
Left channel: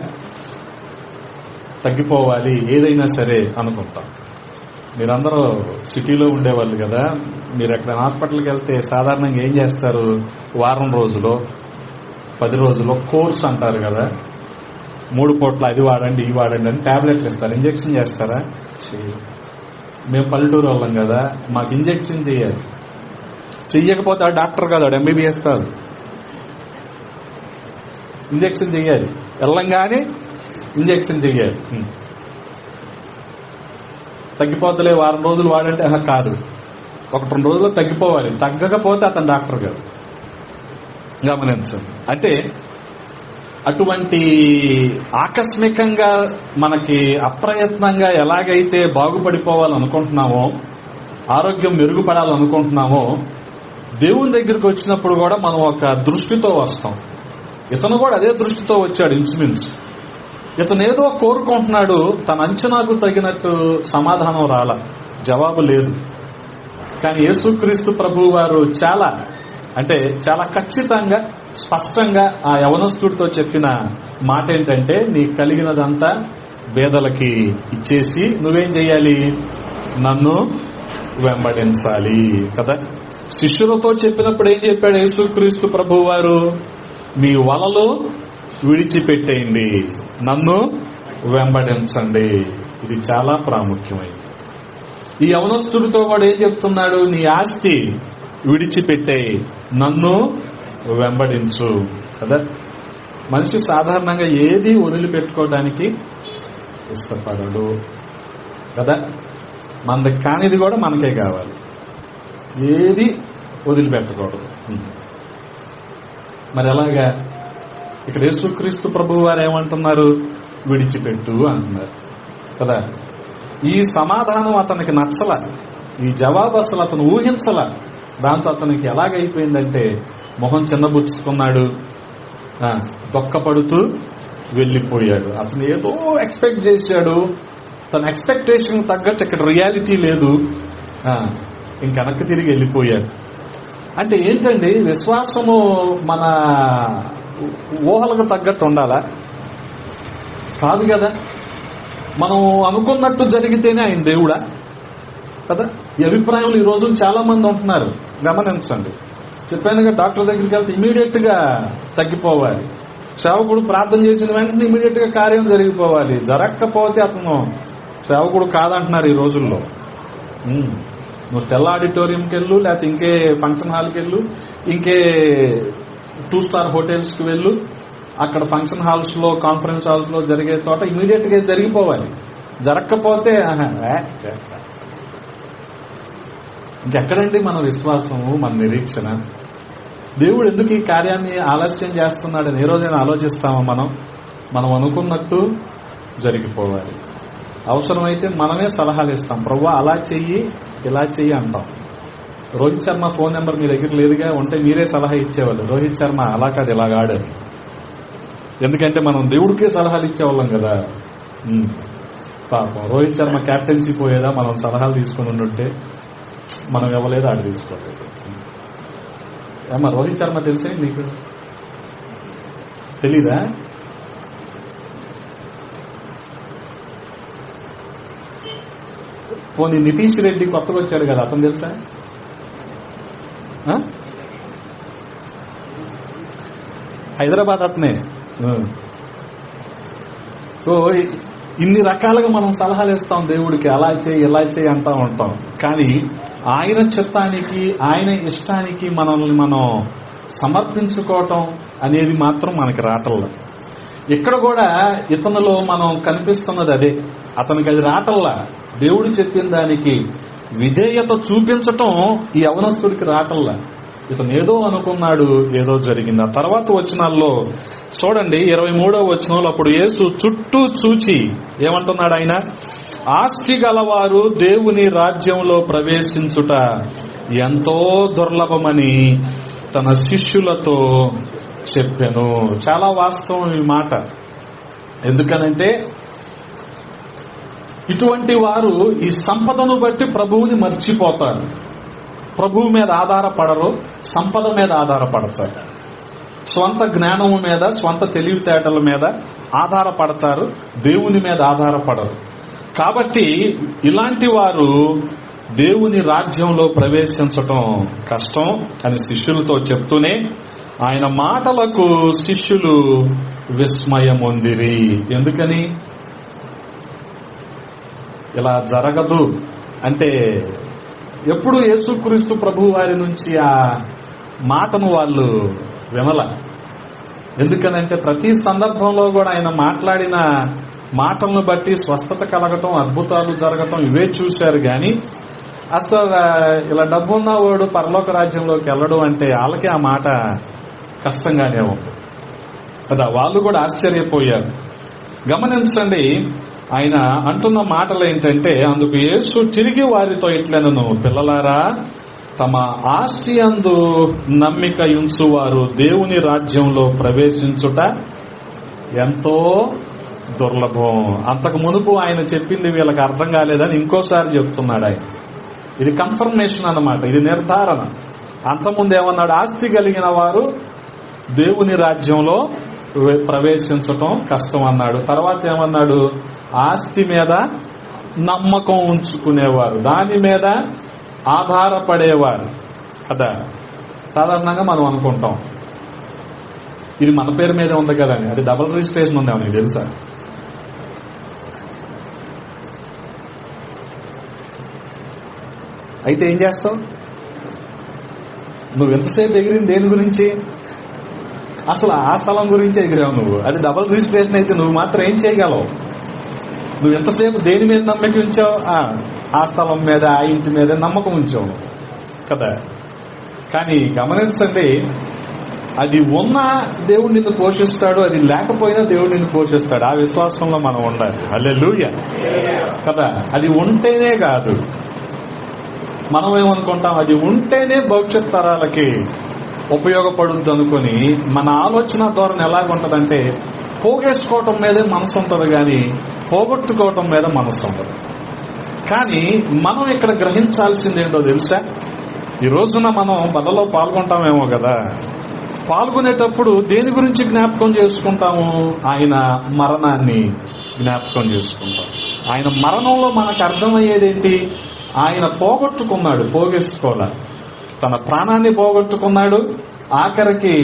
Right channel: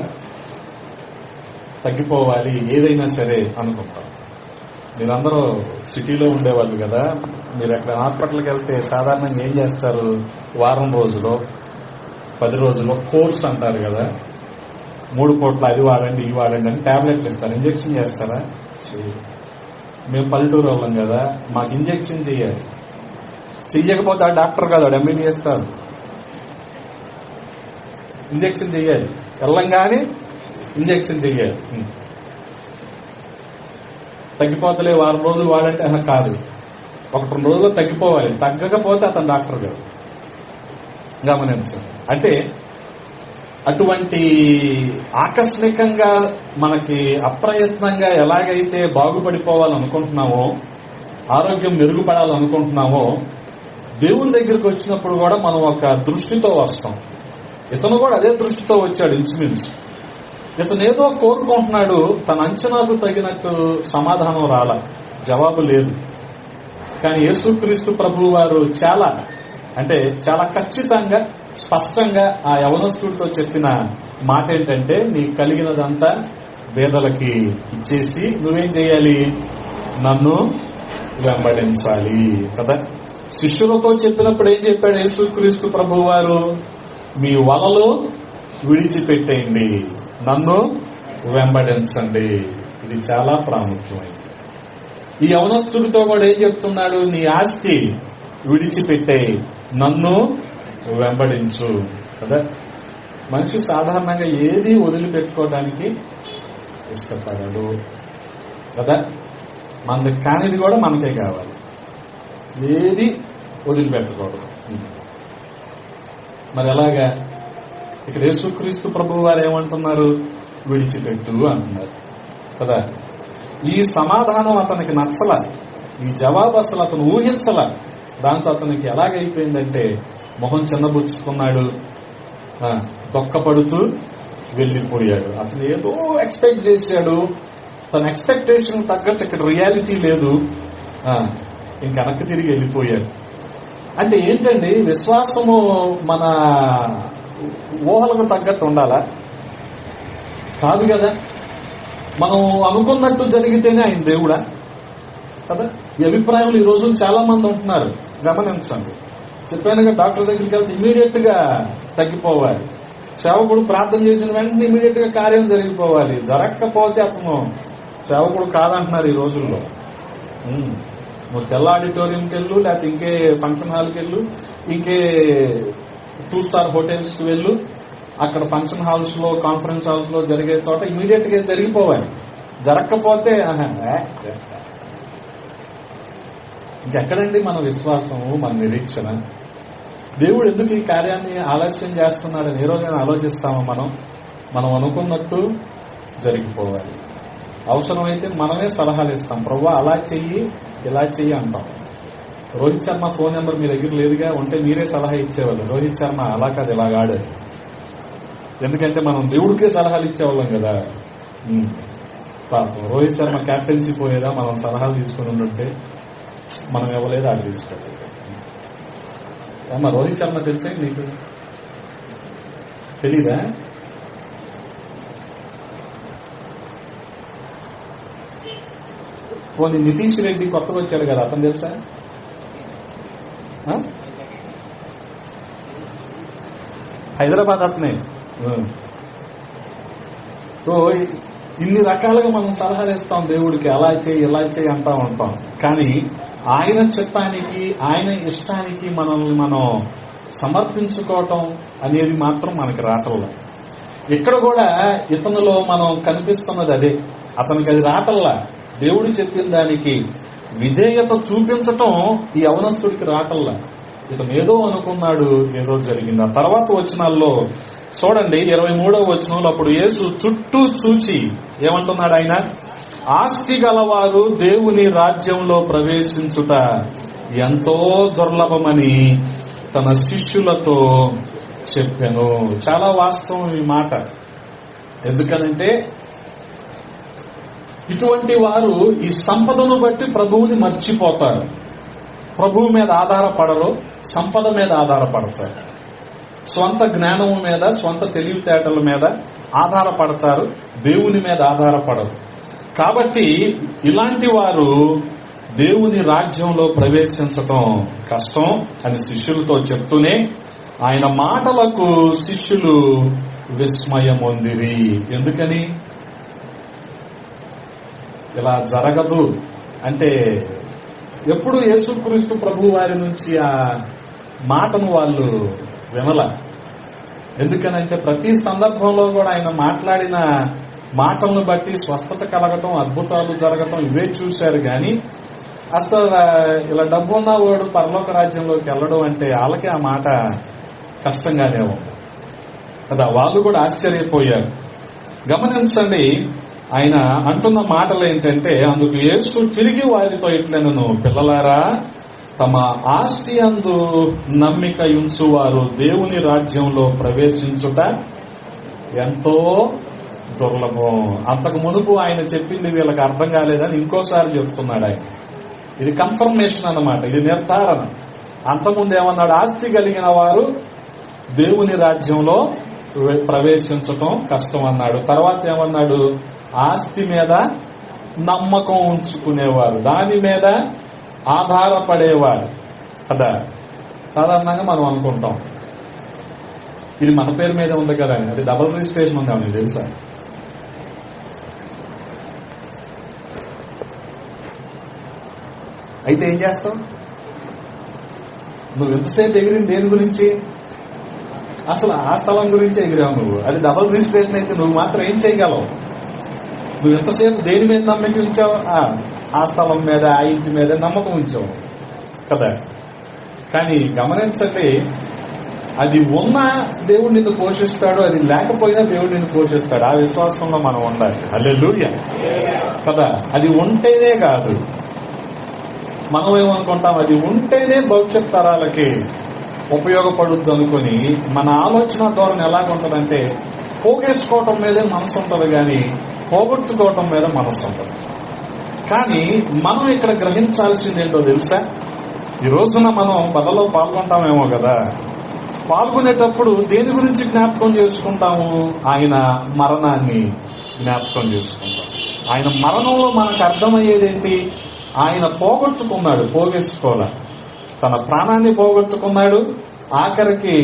తగ్గిపోవాలి ఏదైనా సరే అనుకుంటాం. మీరందరూ సిటీలో ఉండేవాళ్ళు కదా, మీరు ఎక్కడ హాస్పిటల్కి వెళ్తే సాధారణంగా ఏం చేస్తారు? వారం రోజులో 10 రోజుల్లో కోర్స్ అంటారు కదా, 3 పూట్ల అది వాడండి ఇవి వాడండి అని టాబ్లెట్లు ఇస్తారు. ఇంజెక్షన్ చేస్తారా? మేము పల్లెటూరు వాళ్ళం కదా, మాకు ఇంజెక్షన్ చేయాలి. చెయ్యకపోతే ఆ డాక్టర్ కాదు, వాడు ఎంబీబీఎస్ కాదు. ఇంజెక్షన్ చెయ్యాలి, వెళ్ళంగానే ఇంజెక్షన్ చెయ్యాలి. తగ్గిపోతలే వారం రోజులు వాడంటే కాదు, 1-2 రోజుల్లో తగ్గిపోవాలి. తగ్గకపోతే అతను డాక్టర్ కాదు. గమనించండి. అంటే అటువంటి ఆకస్మికంగా మనకి అప్రయత్నంగా ఎలాగైతే బాగుపడిపోవాలనుకుంటున్నామో, ఆరోగ్యం మెరుగుపడాలనుకుంటున్నామో, దేవుని దగ్గరికి వచ్చినప్పుడు కూడా మనం ఒక దృష్టితో వస్తాం. ఇతను కూడా అదే దృష్టితో వచ్చాడు ఇంచుమించు. ఇతను ఏదో కోరుకుంటున్నాడు, తన అంచనాకు తగినట్టు సమాధానం రాలా, జవాబు లేదు. కానీ యేసుక్రీస్తు ప్రభు వారు చాలా ఖచ్చితంగా స్పష్టంగా ఆ యవనస్తుడితో చెప్పిన మాట ఏంటంటే, నీకు కలిగినదంతా పేదలకి ఇచ్చేసి నువ్వేం చేయాలి? నన్ను వెంబడించాలి కదా. శిష్యులతో చెప్పినప్పుడు ఏం చెప్పాడు యేసుక్రీస్తు ప్రభు వారు? మీ వలలు విడిచిపెట్టేయండి, నన్ను వెంబడించండి. ఇది చాలా ప్రాముఖ్యమైనది. ఈ యవనస్తుడితో కూడా ఏం చెప్తున్నాడు? నీ ఆస్తి విడిచిపెట్టేయి, నన్ను వెంబడించు కదా. మనిషి సాధారణంగా ఏది వదిలిపెట్టుకోవడానికి ఇష్టపడడు కదా. మనది కానిది కూడా మనకే కావాలి, ఏది వదిలిపెట్టకూడదు. మరి అలాగా ఇక్కడ యేసుక్రీస్తు ప్రభు వారు ఏమంటున్నారు? విడిచిపెట్టు అంటున్నారు కదా. ఈ సమాధానం అతనికి నచ్చల, ఈ జవాబు అసలు అతను ఊహించల. దాంతో అతనికి ఎలాగైపోయిందంటే మొహం చిన్నబుచ్చుకున్నాడు, దొక్కపడుతూ వెళ్ళిపోయాడు. అతను ఏదో ఎక్స్పెక్ట్ చేశాడు, తన ఎక్స్పెక్టేషన్ తగ్గట్టు ఇక్కడ రియాలిటీ లేదు, ఇంక వెనక్కి తిరిగి వెళ్ళిపోయాడు. అంటే ఏంటండి, విశ్వాసము మన ఊహలకు తగ్గట్టు ఉండాలా? కాదు కదా. మనం అనుకున్నట్టు జరిగితేనే ఆయన దేవుడా కదా. ఈ అభిప్రాయాలు ఈ రోజు చాలా మంది ఉంటున్నారు. గమనించండి. చెప్పానుగా, డాక్టర్ దగ్గరికి వెళ్తే ఇమీడియట్ గా తగ్గిపోవాలి. సేవకుడు ప్రార్థన చేసిన వెంటనే ఇమీడియట్ గా కార్యం జరిగిపోవాలి. జరగకపోతే అతను సేవకుడు కాదంటున్నారు ఈ రోజుల్లో. నువ్వు స్టెల్లా ఆడిటోరియంకి వెళ్ళు, లేకపోతే ఇంకే ఫంక్షన్ హాల్కి వెళ్ళు, ఇంకే 2 స్టార్ హోటల్స్ కి వెళ్ళు. అక్కడ ఫంక్షన్ హాల్స్ లో, కాన్ఫరెన్స్ హాల్స్ లో జరిగే చోట ఇమీడియట్ గా జరిగిపోవాలి. జరగకపోతే ఇంకెక్కడండి మన విశ్వాసము, మన నిరీక్షణ? దేవుడు ఎందుకు ఈ కార్యాన్ని ఆలస్యం చేస్తున్నాడని ఏ రోజైనా ఆలోచిస్తామో? మనం అనుకున్నట్టు జరిగిపోవాలి. అవసరమైతే మనమే సలహాలు ఇస్తాం. ప్రభువా అలా చెయ్యి, ఇలా చెయ్యి అంటాం. రోహిత్ శర్మ ఫోన్ నెంబర్ మీ దగ్గర లేదుగా, ఉంటే మీరే సలహా ఇచ్చేవాళ్ళు. రోహిత్ శర్మ అలా కాదు ఇలాగ ఆడారు. ఎందుకంటే మనం దేవుడికే సలహాలు ఇచ్చేవాళ్ళం కదా. పాపం రోహిత్ శర్మ క్యాప్టెన్సీ పోయేదా, మనం సలహాలు తీసుకుని ఉండుంటే మనం ఇవ్వలేదు, ఆడ తీసుకోలేదు. అమ్మ రోహిత్ శర్మ తెలిసే నీకు తెలీదా? పోనీ నితీష్ రెడ్డి కొత్తగా వచ్చాడు కదా, అతను తెలుసా? హైదరాబాద్ అతనే. సో ఇన్ని రకాలుగా మనం సలహాలు ఇస్తాం దేవుడికి, అలా చేయి ఇలా చేయి అంటా ఉంటాం. కానీ ఆయన చిత్తానికి ఆయన ఇష్టానికి మనల్ని మనం సమర్పించుకోవటం అనేది మాత్రం మనకి రావటంలా. ఇక్కడ కూడా ఇతనిలో మనం కనిపిస్తున్నది అదే. అతనికి అది రావటంలా. దేవుడు చెప్పిన దానికి విధేయత చూపించటం ఈ యవనస్తుడికి రావటంలా. ఇతను ఏదో అనుకున్నాడు, ఏదో జరిగింది. ఆ తర్వాత వచనాల్లో చూడండి, 23వ వచనంలో అప్పుడు యేసు చుట్టూ చూచి ఏమంటున్నాడు ఆయన? ఆస్తి గలవారు దేవుని రాజ్యంలో ప్రవేశించుట ఎంతో దుర్లభమని తన శిష్యులతో చెప్పాను. చాలా వాస్తవం ఈ మాట. ఎందుకనంటే ఇటువంటి వారు ఈ సంపదను బట్టి ప్రభువుని మర్చిపోతారు. ప్రభువు మీద ఆధారపడరు, సంపద మీద ఆధారపడతారు. స్వంత జ్ఞానం మీద, స్వంత తెలివితేటల మీద ఆధారపడతారు, దేవుని మీద ఆధారపడరు. కాబట్టి ఇలాంటి వారు దేవుని రాజ్యంలో ప్రవేశించటం కష్టం అని శిష్యులతో చెప్తూనే ఆయన మాటలకు శిష్యులు విస్మయమొందిరి. ఎందుకని? ఇలా జరగదు అంటే ఎప్పుడు యేసుక్రీస్తు ప్రభు వారి నుంచి ఆ మాటను వాళ్ళు వినల. ఎందుకనంటే ప్రతి సందర్భంలో కూడా ఆయన మాట్లాడిన మాటలను బట్టి స్వస్థత కలగటం, అద్భుతాలు జరగటం ఇవే చూశారు. కానీ అసలు ఇలా డబ్బు ఉన్నవాడు పరలోక రాజ్యంలోకి వెళ్ళడం అంటే వాళ్ళకి ఆ మాట కష్టంగానే ఉంది కదా. వాళ్ళు కూడా ఆశ్చర్యపోయారు. గమనించండి, ఆయన అంటున్న మాటలు ఏంటంటే, అందుకు యేసు తిరిగి వారితో ఇట్లనెను, పిల్లలారా, తమ ఆస్తి అందు నమ్మిక ఉంచువారు దేవుని రాజ్యంలో ప్రవేశించుట ఎంతో దుర్లభం. అంతకు మునుపు ఆయన చెప్పింది వీళ్ళకి అర్థం కాలేదని ఇంకోసారి చెప్తున్నాడు ఆయన. ఇది కన్ఫర్మేషన్ అన్నమాట, ఇది నిర్ధారణ. అంతకుముందు ఏమన్నాడు? ఆస్తి కలిగిన వారు దేవుని రాజ్యంలో ప్రవేశించటం కష్టం అన్నాడు. తర్వాత ఏమన్నాడు? ఆస్తి మీద నమ్మకం ఉంచుకునేవారు, దాని మీద ఆధారపడేవారు కదా. సాధారణంగా మనం అనుకుంటాం ఇది మన పేరు మీద ఉంది కదా అని. అది డబుల్ రిజిస్ట్రేషన్ ఉంది, మీకు తెలుసా? అయితే ఏం చేస్తావు? నువ్వు ఎంతసేపు ఎగిరింది దేని గురించి? అసలు ఆ స్థలం గురించి ఎగిరావు నువ్వు. అది డబుల్ రిజిస్ట్రేషన్ అయితే నువ్వు మాత్రం ఏం చేయగలవు? నువ్వు ఎంతసేపు దేని మీద నమ్మకం ఉంచావు? ఆ స్థలం మీద, ఆ ఇంటి మీద నమ్మకం ఉంచావు కదా. కానీ గమనించండి, అది ఉన్నా దేవుడు నిన్ను పోషిస్తాడు, అది లేకపోయినా దేవుడు నిన్ను పోషిస్తాడు. ఆ విశ్వాసంలో మనం ఉండాలి. హల్లెలూయా కదా. అది ఉంటేనే కాదు, మనం ఏమనుకుంటాం అది ఉంటేనే భవిష్యత్ తరాలకి ఉపయోగపడుద్ది అనుకుని మన ఆలోచన ధోరణి ఎలాగుంటదంటే పోగేసుకోవటం మీదే మనసు ఉంటుంది, కానీ పోగొట్టుకోవటం మీద మనసు ఉంటుంది. కానీ మనం ఇక్కడ గ్రహించాల్సింది ఏంటో తెలుసా? ఈ రోజున మనం బలలో పాల్గొంటామేమో కదా, పాల్గొనేటప్పుడు దేని గురించి జ్ఞాపకం చేసుకుంటాము? ఆయన మరణాన్ని జ్ఞాపకం చేసుకుంటాం. ఆయన మరణంలో మనకు అర్థమయ్యేదేంటి? ఆయన పోగొట్టుకున్నాడు, పోగేసుకోవాలి. తన ప్రాణాన్ని పోగొట్టుకున్నాడు. ఆఖరికి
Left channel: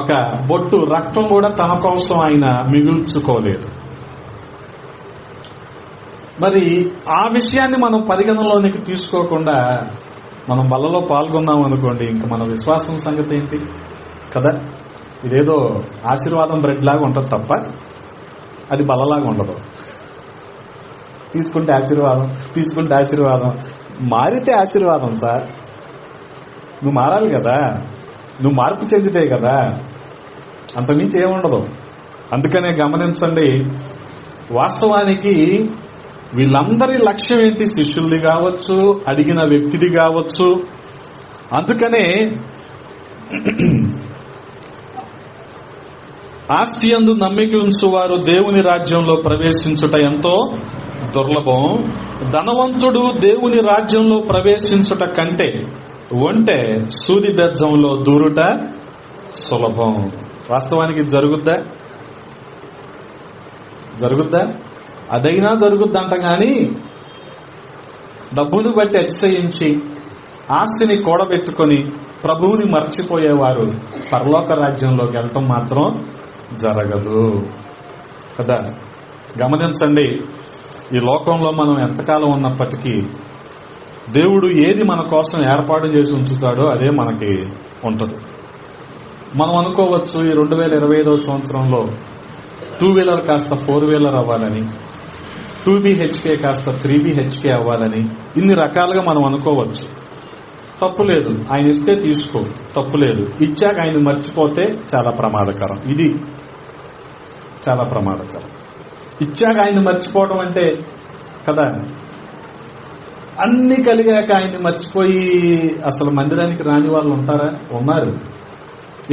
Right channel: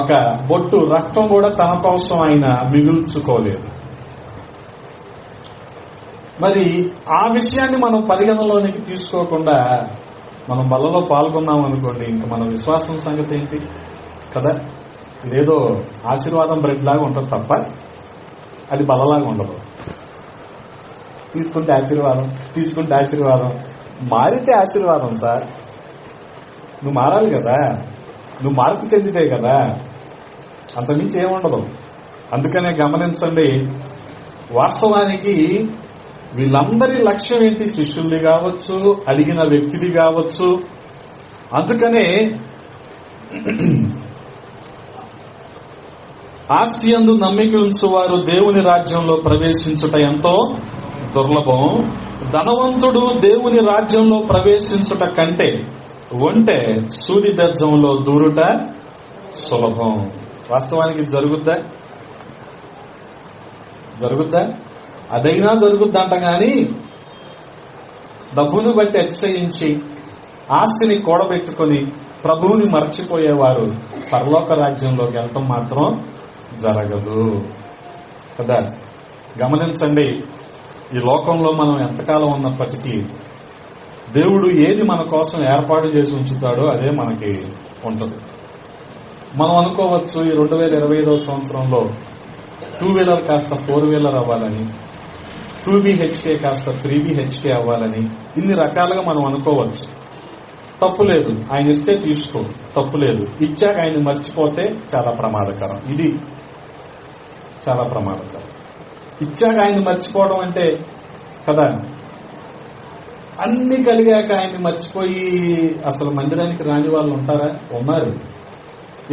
ఒక బొట్టు రక్తం కూడా తన కోసం ఆయన మిగుల్చుకోలేదు. మరి ఆ విషయాన్ని మనం పరిగణలోనికి తీసుకోకుండా మనం బలలో పాల్గొన్నాం అనుకోండి, ఇంకా మన విశ్వాసం సంగతి ఏంటి కదా. ఇదేదో ఆశీర్వాదం బ్రెడ్ లాగా ఉంటుంది తప్ప అది బలలాగా ఉండదు. తీసుకుంటే ఆశీర్వాదం, తీసుకుంటే ఆశీర్వాదం, మారితే ఆశీర్వాదం. సార్ నువ్వు మారాలి కదా, నువ్వు మార్పు చెందితే కదా, అంతమించి ఏముండదు. అందుకనే గమనించండి, వాస్తవానికి వీళ్ళందరి లక్ష్యం ఏంటి? శిష్యుల్ని కావచ్చు, అడిగిన వ్యక్తిది కావచ్చు. అందుకనే ఆస్తి యందు నమ్మిక ఉంచువారు దేవుని రాజ్యంలో ప్రవేశించుట ఎంతో దుర్లభం. ధనవంతుడు దేవుని రాజ్యంలో ప్రవేశించుట కంటే ఒంటె సూది బెజ్జంలో దూరుట సులభం. వాస్తవానికి జరుగుద్దా? అదైనా జరుగుద్దంట. కానీ డబ్బుని బట్టి అతిశయించి ఆస్తిని కూడబెట్టుకొని ప్రభువుని మర్చిపోయేవారు పరలోక రాజ్యంలోకి వెళ్ళటం మాత్రం జరగదు కదా. గమనించండి, ఈ లోకంలో మనం ఎంతకాలం ఉన్నప్పటికీ దేవుడు ఏది మన కోసం ఏర్పాటు చేసి ఉంచుతాడో అదే మనకి ఉంటుంది. మనం అనుకోవచ్చు ఈ 2025వ సంవత్సరంలో 2 వీలర్ కాస్త 4 వీలర్ అవ్వాలని, 2 BHK కాస్త 3 BHK అవ్వాలని, ఇన్ని రకాలుగా మనం అనుకోవచ్చు. తప్పులేదు, ఆయన ఇస్తే తీసుకో, తప్పులేదు. ఇచ్చాక ఆయన మర్చిపోతే చాలా ప్రమాదకరం. ఇది చాలా ప్రమాదకరం. ఇచ్చాక ఆయన మర్చిపోవడం అంటే కదా, అన్ని కలిగాక ఆయన్ని మర్చిపోయి అసలు మందిరానికి రాని వాళ్ళు ఉంటారా? ఉన్నారు.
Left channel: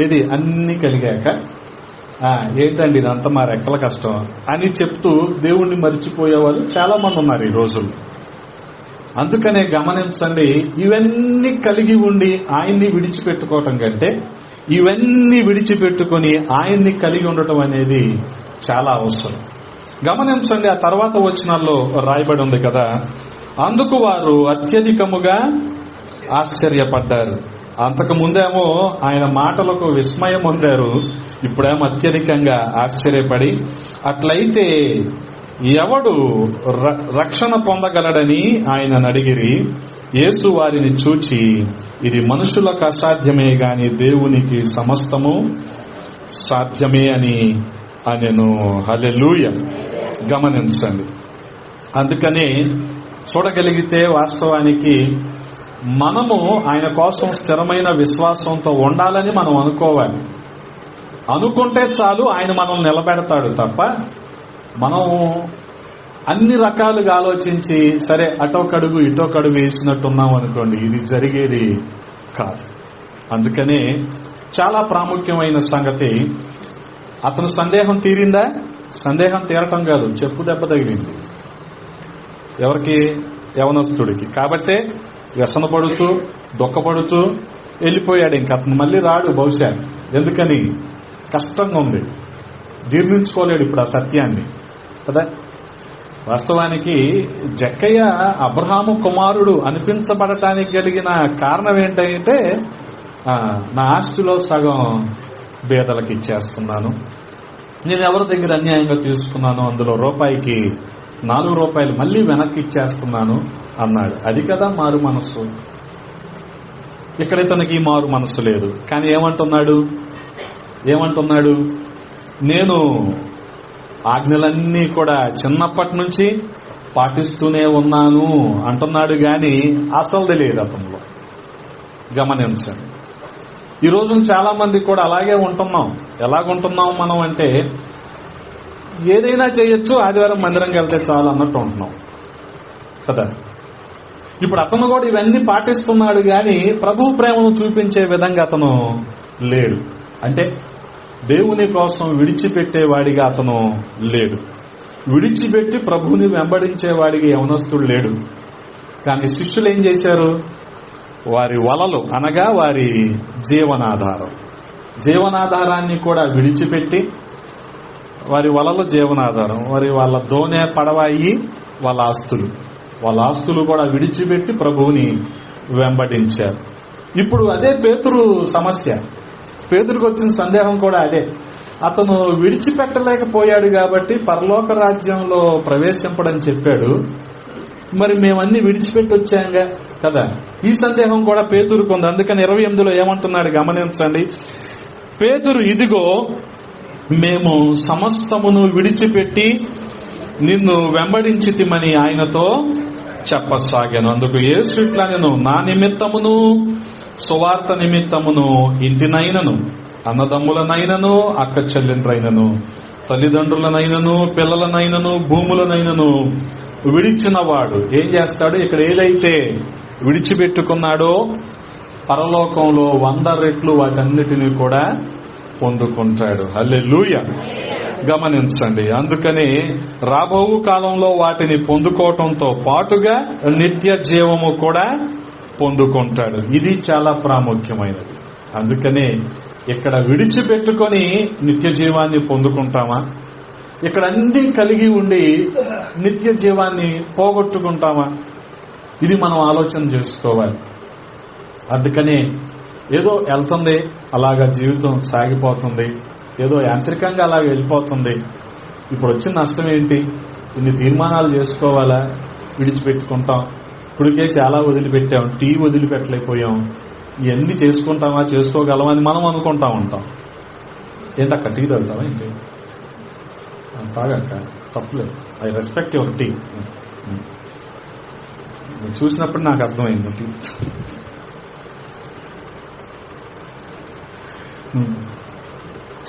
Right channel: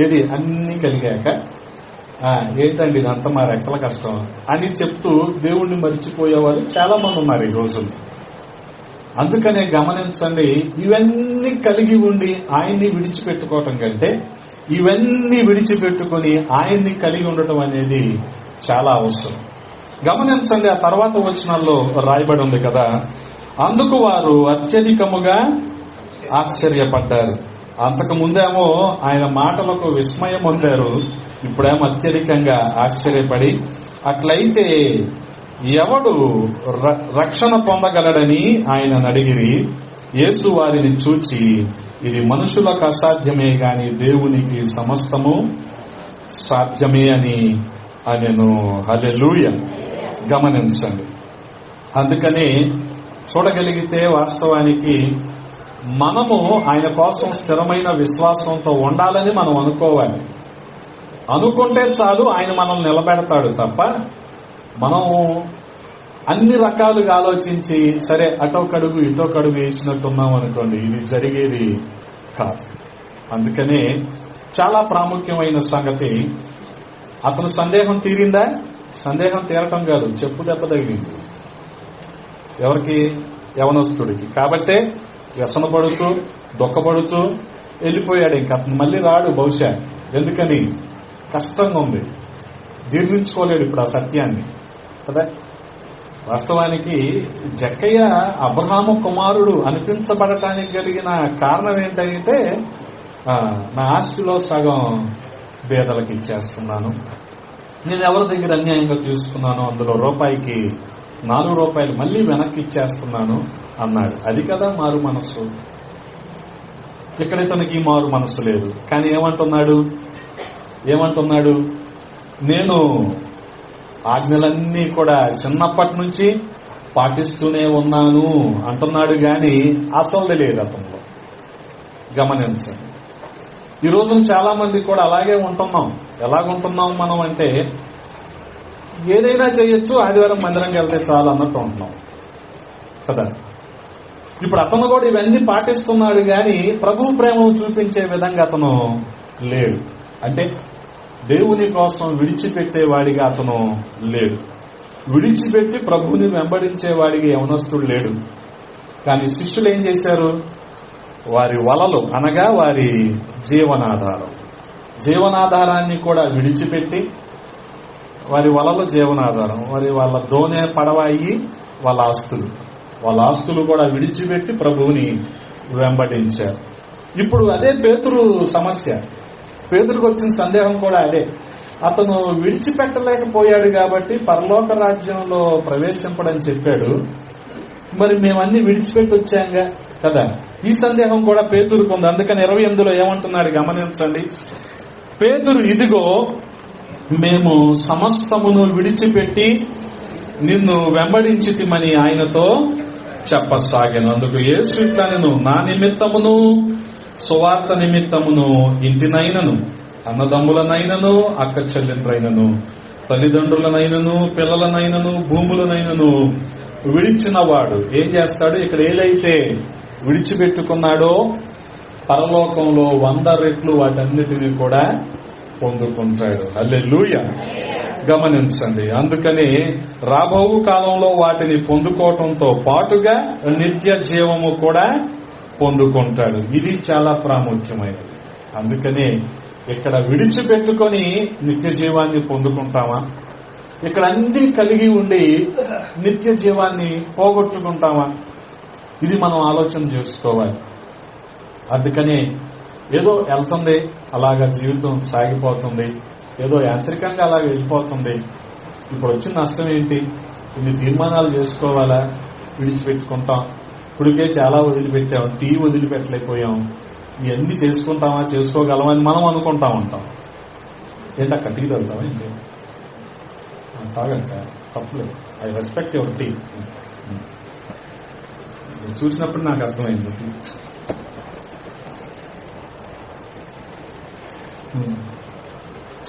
ఏది అన్ని కలిగాక ఏంటండి ఇదంతా మా రెక్కల కష్టం అని చెప్తూ దేవుణ్ణి మర్చిపోయేవాళ్ళు చాలా మంది ఉన్నారు ఈ రోజుల్లో. అందుకనే గమనించండి, ఇవన్నీ కలిగి ఉండి ఆయన్ని విడిచిపెట్టుకోవటం కంటే ఇవన్నీ విడిచిపెట్టుకుని ఆయన్ని కలిగి ఉండటం అనేది చాలా అవసరం. గమనించండి, ఆ తర్వాత వచనాల్లో రాయబడి ఉంది కదా, అందుకు వారు అత్యధికముగా ఆశ్చర్యపడ్డారు. అంతకు ముందేమో ఆయన మాటలకు విస్మయం పొందారు, ఇప్పుడేమో అత్యధికంగా ఆశ్చర్యపడి, అట్లయితే ఎవడు రక్షణ పొందగలడని ఆయన అడిగిరి. యేసు వారిని చూచి, ఇది మనుషులకు అసాధ్యమే గాని దేవునికి సమస్తము సాధ్యమే అని అనెను. హల్లెలూయా. గమనించండి, అందుకని చూడగలిగితే వాస్తవానికి మనము ఆయన కోసం స్థిరమైన విశ్వాసంతో ఉండాలని మనం అనుకోవాలి. అనుకుంటే చాలు, ఆయన మనం నిలబెడతాడు తప్ప మనం అన్ని రకాలుగా ఆలోచించి సరే అటో కడుగు ఇటో కడుగు వేసినట్టున్నాం అనుకోండి, ఇది జరిగేది కాదు. అందుకనే చాలా ప్రాముఖ్యమైన సంగతి, అతను సందేహం తీరిందా? సందేహం తీరటం కాదు, చెప్పు దెబ్బ తగిలింది. ఎవరికి? యవనస్తుడికి. కాబట్టే వ్యసన పడుతూ దుఃఖపడుతూ వెళ్ళిపోయాడు. ఇంక అతను మళ్ళీ రాడు బహుశా. ఎందుకని? కష్టంగా ఉంది, జీర్ణించుకోలేడు ఇప్పుడు ఆ సత్యాన్ని కదా. వాస్తవానికి జక్కయ్య అబ్రహాము కుమారుడు అనిపించబడటానికి కలిగిన కారణం ఏంటంటే, నా ఆస్తిలో సగం పేదలకు ఇచ్చేస్తున్నాను, నేను ఎవరి దగ్గర అన్యాయంగా తీసుకున్నాను అందులో రూపాయికి 4 రూపాయలు మళ్ళీ వెనక్కి ఇచ్చేస్తున్నాను అన్నాడు. అది కదా మారు మనస్సు. ఇక్కడ ఇతనికి మారు మనస్సు లేదు. కానీ ఏమంటున్నాడు? నేను ఆజ్ఞలన్నీ కూడా చిన్నప్పటి నుంచి పాటిస్తూనే ఉన్నాను అంటున్నాడు. గాని అసలు లేదు అతనిలో. గమనించండి, ఈరోజు చాలా మంది కూడా అలాగే ఉంటున్నాం. ఎలాగుంటున్నాం మనం అంటే, ఏదైనా చేయొచ్చు, ఆదివారం మందిరంకి వెళ్తే చాలు అన్నట్టు ఉంటున్నాం కదా. ఇప్పుడు అతను కూడా ఇవన్నీ పాటిస్తున్నాడు, గాని ప్రభు ప్రేమను చూపించే విధంగా అతను లేడు. అంటే దేవుని కోసం విడిచిపెట్టేవాడిగా అతను లేడు. విడిచిపెట్టి ప్రభువుని వెంబడించేవాడిగా యవనస్తుడు లేడు. కానీ శిష్యులు ఏం చేశారు? వారి వలలు అనగా వారి జీవనాధారాన్ని కూడా విడిచిపెట్టి, వారి వలలు జీవనాధారం, వాళ్ళ దోనె పడవాయి వాళ్ళ ఆస్తులు కూడా విడిచిపెట్టి ప్రభువుని వెంబడించారు. ఇప్పుడు అదే పేతురు సమస్య. పేతురుకు వచ్చిన సందేహం కూడా అదే. అతను విడిచిపెట్టలేకపోయాడు కాబట్టి పరలోక రాజ్యంలో ప్రవేశింపడని చెప్పాడు. మరి మేమన్నీ విడిచిపెట్టి వచ్చాంగా కదా. ఈ సందేహం కూడా పేతురుకు ఉంది. అందుకని 28లో ఏమంటున్నాడు గమనించండి. పేతురు, ఇదిగో మేము సమస్తమును విడిచిపెట్టి నిన్ను వెంబడించితిమని ఆయనతో చెప్పసాగాను. అందుకు యేసు ఇట్లా, నేను నా నిమిత్తమును సువార్త నిమిత్తమును ఇంటినైనను, అన్నదమ్ములనైనను, అక్క చెల్లెండ్రైనను, తల్లిదండ్రులనైనను, పిల్లలనైనను, భూములనైనను విడిచినవాడు ఏం చేస్తాడు? ఇక్కడ ఏదైతే విడిచిపెట్టుకున్నాడో పరలోకంలో 100 రెట్లు వాటన్నిటినీ కూడా పొందుకుంటాడు. హల్లెలూయా. గమనించండి. అందుకని రాబో కాలంలో వాటిని పొందుకోవటంతో పాటుగా నిత్య జీవము కూడా పొందుకుంటాడు. ఇది చాలా ప్రాముఖ్యమైనది. అందుకని ఇక్కడ విడిచిపెట్టుకొని నిత్య జీవాన్ని పొందుకుంటామా? ఇక్కడ అన్ని కలిగి ఉండి నిత్య జీవాన్ని పోగొట్టుకుంటామా? ఇది మనం ఆలోచన చేసుకోవాలి. అందుకని ఏదో వెళ్తుంది, అలాగా జీవితం సాగిపోతుంది, ఏదో యాంత్రికంగా అలాగ వెళ్ళిపోతుంది. ఇప్పుడు వచ్చిన నష్టం ఏంటి? ఇన్ని తీర్మానాలు చేసుకోవాలా? విడిచిపెట్టుకుంటాం. ఇప్పటికే చాలా వదిలిపెట్టాం, టీ వదిలిపెట్టలేకపోయాం. ఇవన్నీ చేసుకుంటామా, చేసుకోగలమని మనం అనుకుంటా ఉంటాం. ఏంటక్క టీ తాగుతావా? ఏంటి తాగక్క, తప్పలేదు. I respect your tea. చూసినప్పుడు నాకు అర్థమైంది టీ.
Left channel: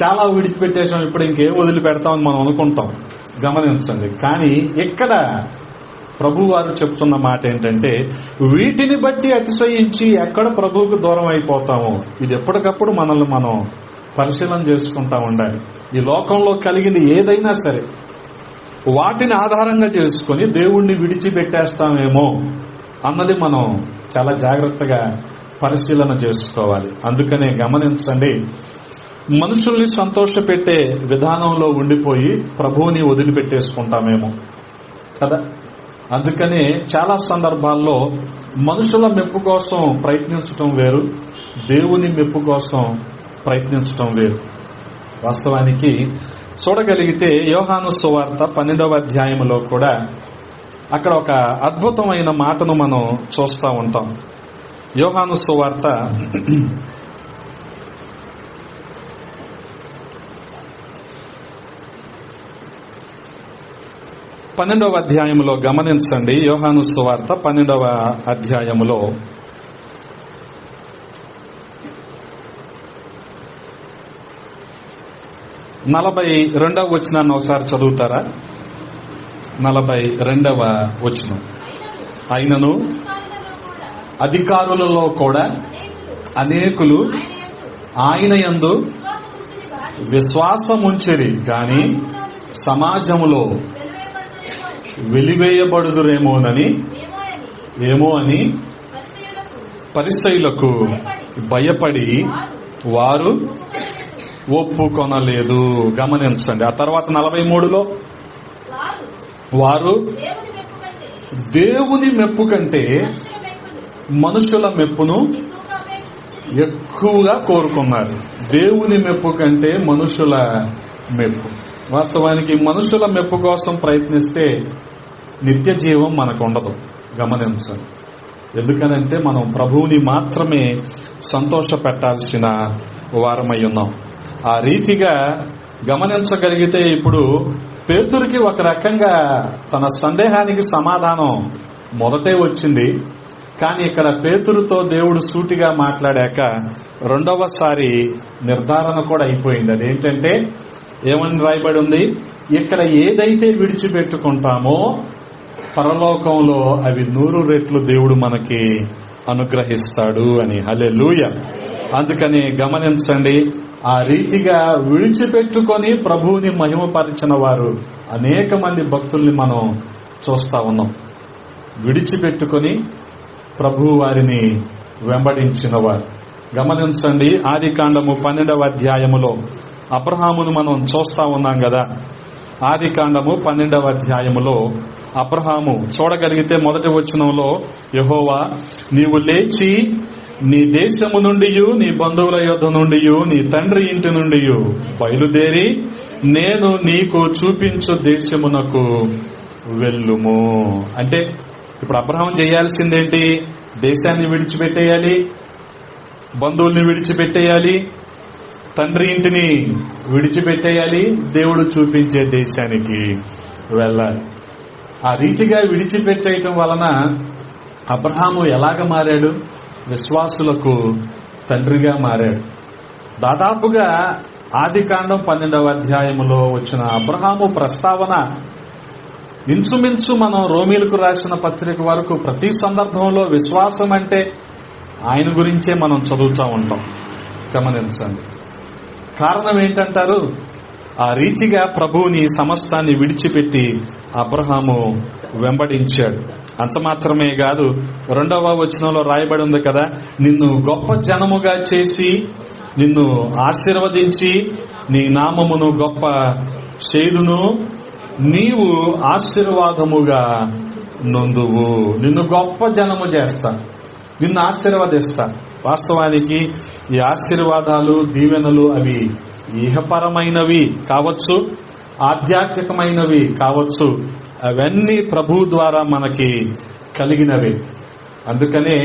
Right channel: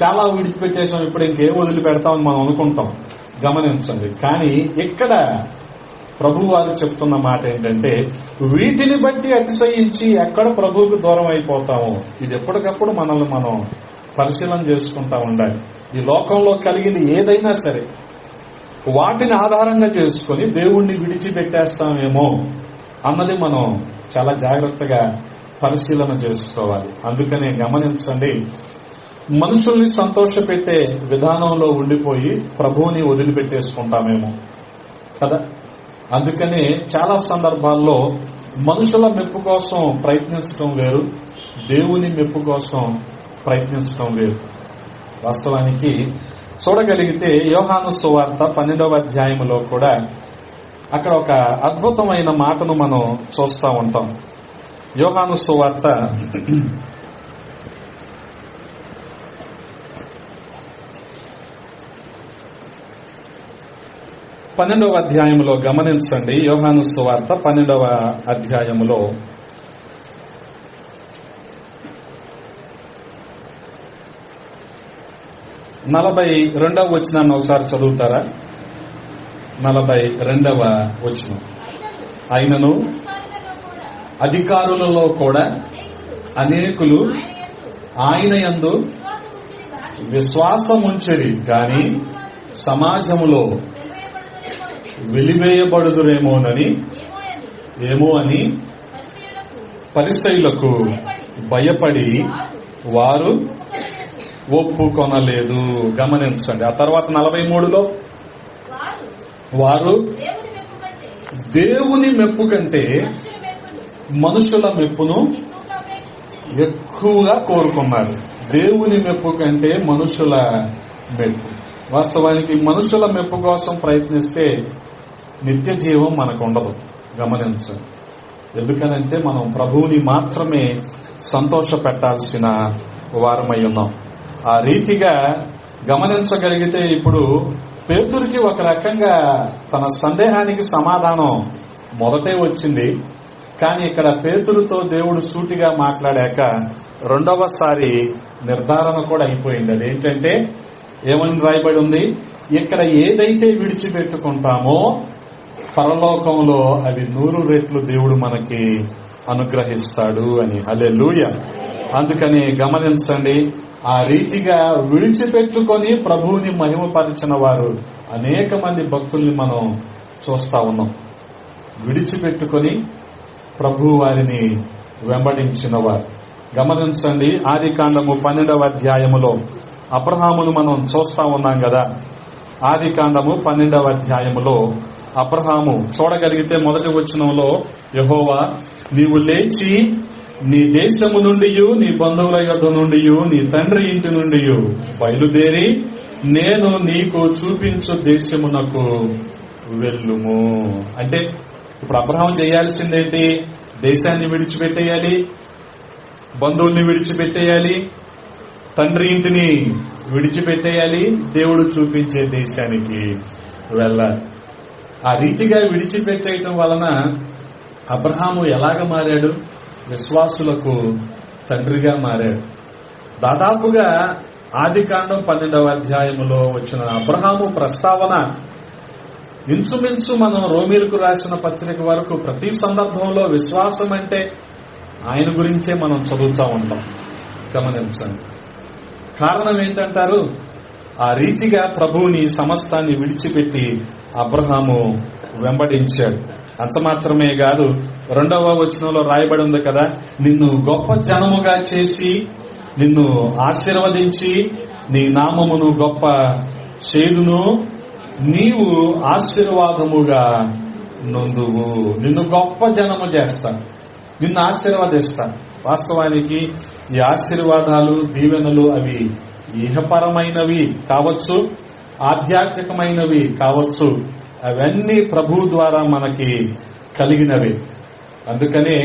చాలా విడిచిపెట్టేసాం, ఇప్పుడు ఇంకేం వదిలిపెడతామని మనం అనుకుంటాం. గమనించండి. కానీ ఇక్కడ ప్రభు వారు చెప్తున్న మాట ఏంటంటే, వీటిని బట్టి అతిశయించి ఎక్కడ ప్రభువుకు దూరం అయిపోతామో ఇది ఎప్పటికప్పుడు మనల్ని మనం పరిశీలన చేసుకుంటా ఉండాలి. ఈ లోకంలో కలిగింది ఏదైనా సరే వాటిని ఆధారంగా చేసుకుని దేవుణ్ణి విడిచిపెట్టేస్తామేమో అన్నది మనం చాలా జాగ్రత్తగా పరిశీలన చేసుకోవాలి. అందుకనే గమనించండి, మనుషుల్ని సంతోషపెట్టే విధానంలో ఉండిపోయి ప్రభువుని వదిలిపెట్టేసుకుంటామేమో కదా. అందుకనే చాలా సందర్భాల్లో మనుషుల మెప్పు కోసం ప్రయత్నించటం వేరు, దేవుని మెప్పు కోసం ప్రయత్నించటం వేరు. వాస్తవానికి చూడగలిగితే యోహాను సువార్త 12వ అధ్యాయంలో కూడా అక్కడ ఒక అద్భుతమైన మాటను మనం చూస్తూ ఉంటాం. యోహాను సువార్త 12వ అధ్యాయంలో గమనించండి. యోహాను సువార్త 12వ అధ్యాయములో 42వ వచనాన్ని ఒకసారి చదువుతారా? 42వ వచనం. అయినను అధికారులలో కూడా అనేకులు ఆయన యందు విశ్వాసముంచిరి గాని సమాజములో వెలివేయబడుదురేమోనని ఏమో అని పరిసయ్యులకు భయపడి వారు ఒప్పుకొనలేదు. గమనించండి. ఆ తర్వాత 43లో వారు దేవుని మెప్పు కంటే మనుషుల మెప్పును ఎక్కువగా కోరుకున్నారు. దేవుని మెప్పు కంటే మనుషుల మెప్పు. వాస్తవానికి మనుషుల మెప్పు కోసం ప్రయత్నిస్తే నిత్య జీవం మనకు ఉండదు. గమనించండి. ఎందుకనంటే మనం ప్రభువుని మాత్రమే సంతోష పెట్టాల్సిన వారమై ఉన్నాం. ఆ రీతిగా గమనించగలిగితే ఇప్పుడు పేతురుకి ఒక రకంగా తన సందేహానికి సమాధానం మొదటే వచ్చింది. కానీ ఇక్కడ పేతురుతో దేవుడు సూటిగా మాట్లాడాక రెండవసారి నిర్ధారణ కూడా అయిపోయింది. అదేంటంటే ఏమని రాయబడి ఉంది? ఇక్కడ ఏదైతే విడిచిపెట్టుకుంటామో పరలోకంలో అవి 100 రెట్లు దేవుడు మనకి అనుగ్రహిస్తాడు అని. హల్లెలూయా. అందుకని గమనించండి, ఆ రీతిగా విడిచిపెట్టుకొని ప్రభువుని మహిమపరిచిన వారు అనేక మంది భక్తుల్ని మనం చూస్తా ఉన్నాం. విడిచిపెట్టుకొని ప్రభు వారిని వెంబడించిన వారు. గమనించండి, ఆదికాండము 12వ అధ్యాయములో అబ్రహామును మనం చూస్తా ఉన్నాం కదా. ఆదికాండము 12వ అధ్యాయములో అబ్రహాము చూడగలిగితే మొదటి వచనంలో, యెహోవా నీవు లేచి నీ దేశము నుండి నీ బంధువుల యొద్ద నుండి నీ తండ్రి ఇంటి నుండి బయలుదేరి నేను నీకు చూపించు దేశమునకు వెళ్ళుము. అంటే ఇప్పుడు అబ్రహాం చేయాల్సిందేంటి? దేశాన్ని విడిచిపెట్టేయాలి, బంధువుల్ని విడిచిపెట్టేయాలి, తండ్రి ఇంటిని విడిచిపెట్టేయాలి, దేవుడు చూపించే దేశానికి వెళ్ళాలి. ఆ రీతిగా విడిచిపెట్టేయటం వలన అబ్రహాము ఎలాగ మారాడు? విశ్వాసులకు తండ్రిగా మారాడు. దాదాపుగా ఆదికాండం 12వ అధ్యాయంలో వచ్చిన అబ్రహాము ప్రస్తావన ఇంచుమించు మనం రోమీలకు రాసిన పత్రిక వరకు ప్రతి సందర్భంలో విశ్వాసం అంటే ఆయన గురించే మనం చదువుతూ ఉంటాం. గమనించండి. కారణం ఏంటంటారు? ఆ రీతిగా ప్రభువుని సమస్తాన్ని విడిచిపెట్టి అబ్రహాము వెంబడించాడు. అంత మాత్రమే కాదు, 2వ వచనంలో రాయబడి ఉంది కదా, నిన్ను గొప్ప జనముగా చేసి నిన్ను ఆశీర్వదించి నీ నామమును గొప్ప చేదును, నీవు ఆశీర్వాదముగా నొందువు. నిన్ను గొప్ప జనము చేస్తా, నిన్ను ఆశీర్వదిస్తా. వాస్తవానికి ఈ ఆశీర్వాదాలు, దీవెనలు అవి ఇహపరమైనవి కావచ్చు, ఆధ్యాత్మికమైనవి కావచ్చు. అవన్నీ ప్రభు ద్వారా మనకి కలిగినవి. అందుకనే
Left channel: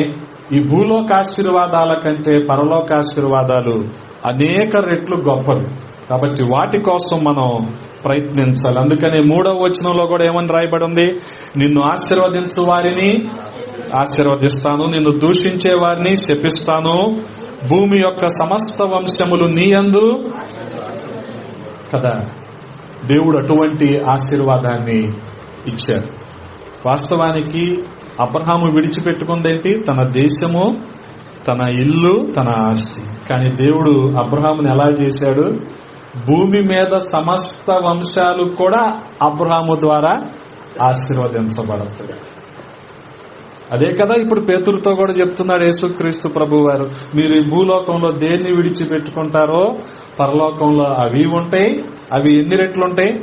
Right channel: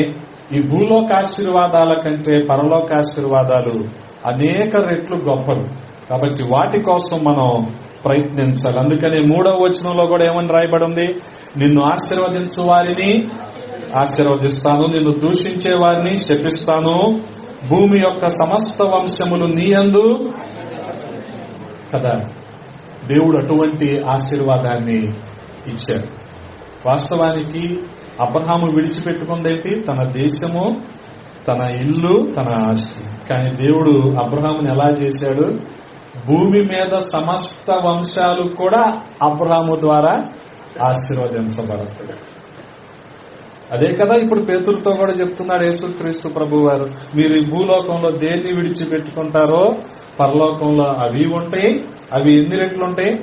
ఈ భూలోక ఆశీర్వాదాల కంటే పరలోక ఆశీర్వాదాలు అనేక రెట్లు గొప్పవి. కాబట్టి వాటి కోసం మనం ప్రయత్నించాలి. అందుకనే 3వ వచనంలో కూడా ఏమని రాయబడి ఉంది? నిన్ను ఆశీర్వదించు వారిని ఆశీర్వదిస్తాను, నిన్ను దూషించే వారిని శపిస్తాను, భూమి యొక్క సమస్త వంశములు నీయందు కదా. దేవుడు అటువంటి ఆశీర్వాదాన్ని ఇచ్చారు. వాస్తవానికి అబ్రహాము విడిచిపెట్టుకుందేంటి? తన దేశము, తన ఇల్లు, తన ఆస్తి. కానీ దేవుడు అబ్రహాముని ఎలా చేశాడు? భూమి మీద సమస్త వంశాలు కూడా అబ్రహాము ద్వారా ఆశీర్వదించబడతాయి. అదే కదా ఇప్పుడు పేతురుతో కూడా చెప్తున్నాడు యేసుక్రీస్తు ప్రభు వారు. మీరు ఈ భూలోకంలో దేన్ని విడిచిపెట్టుకుంటారో పరలోకంలో అవి ఉంటాయి. అవి ఎన్ని రెట్లు ఉంటాయి?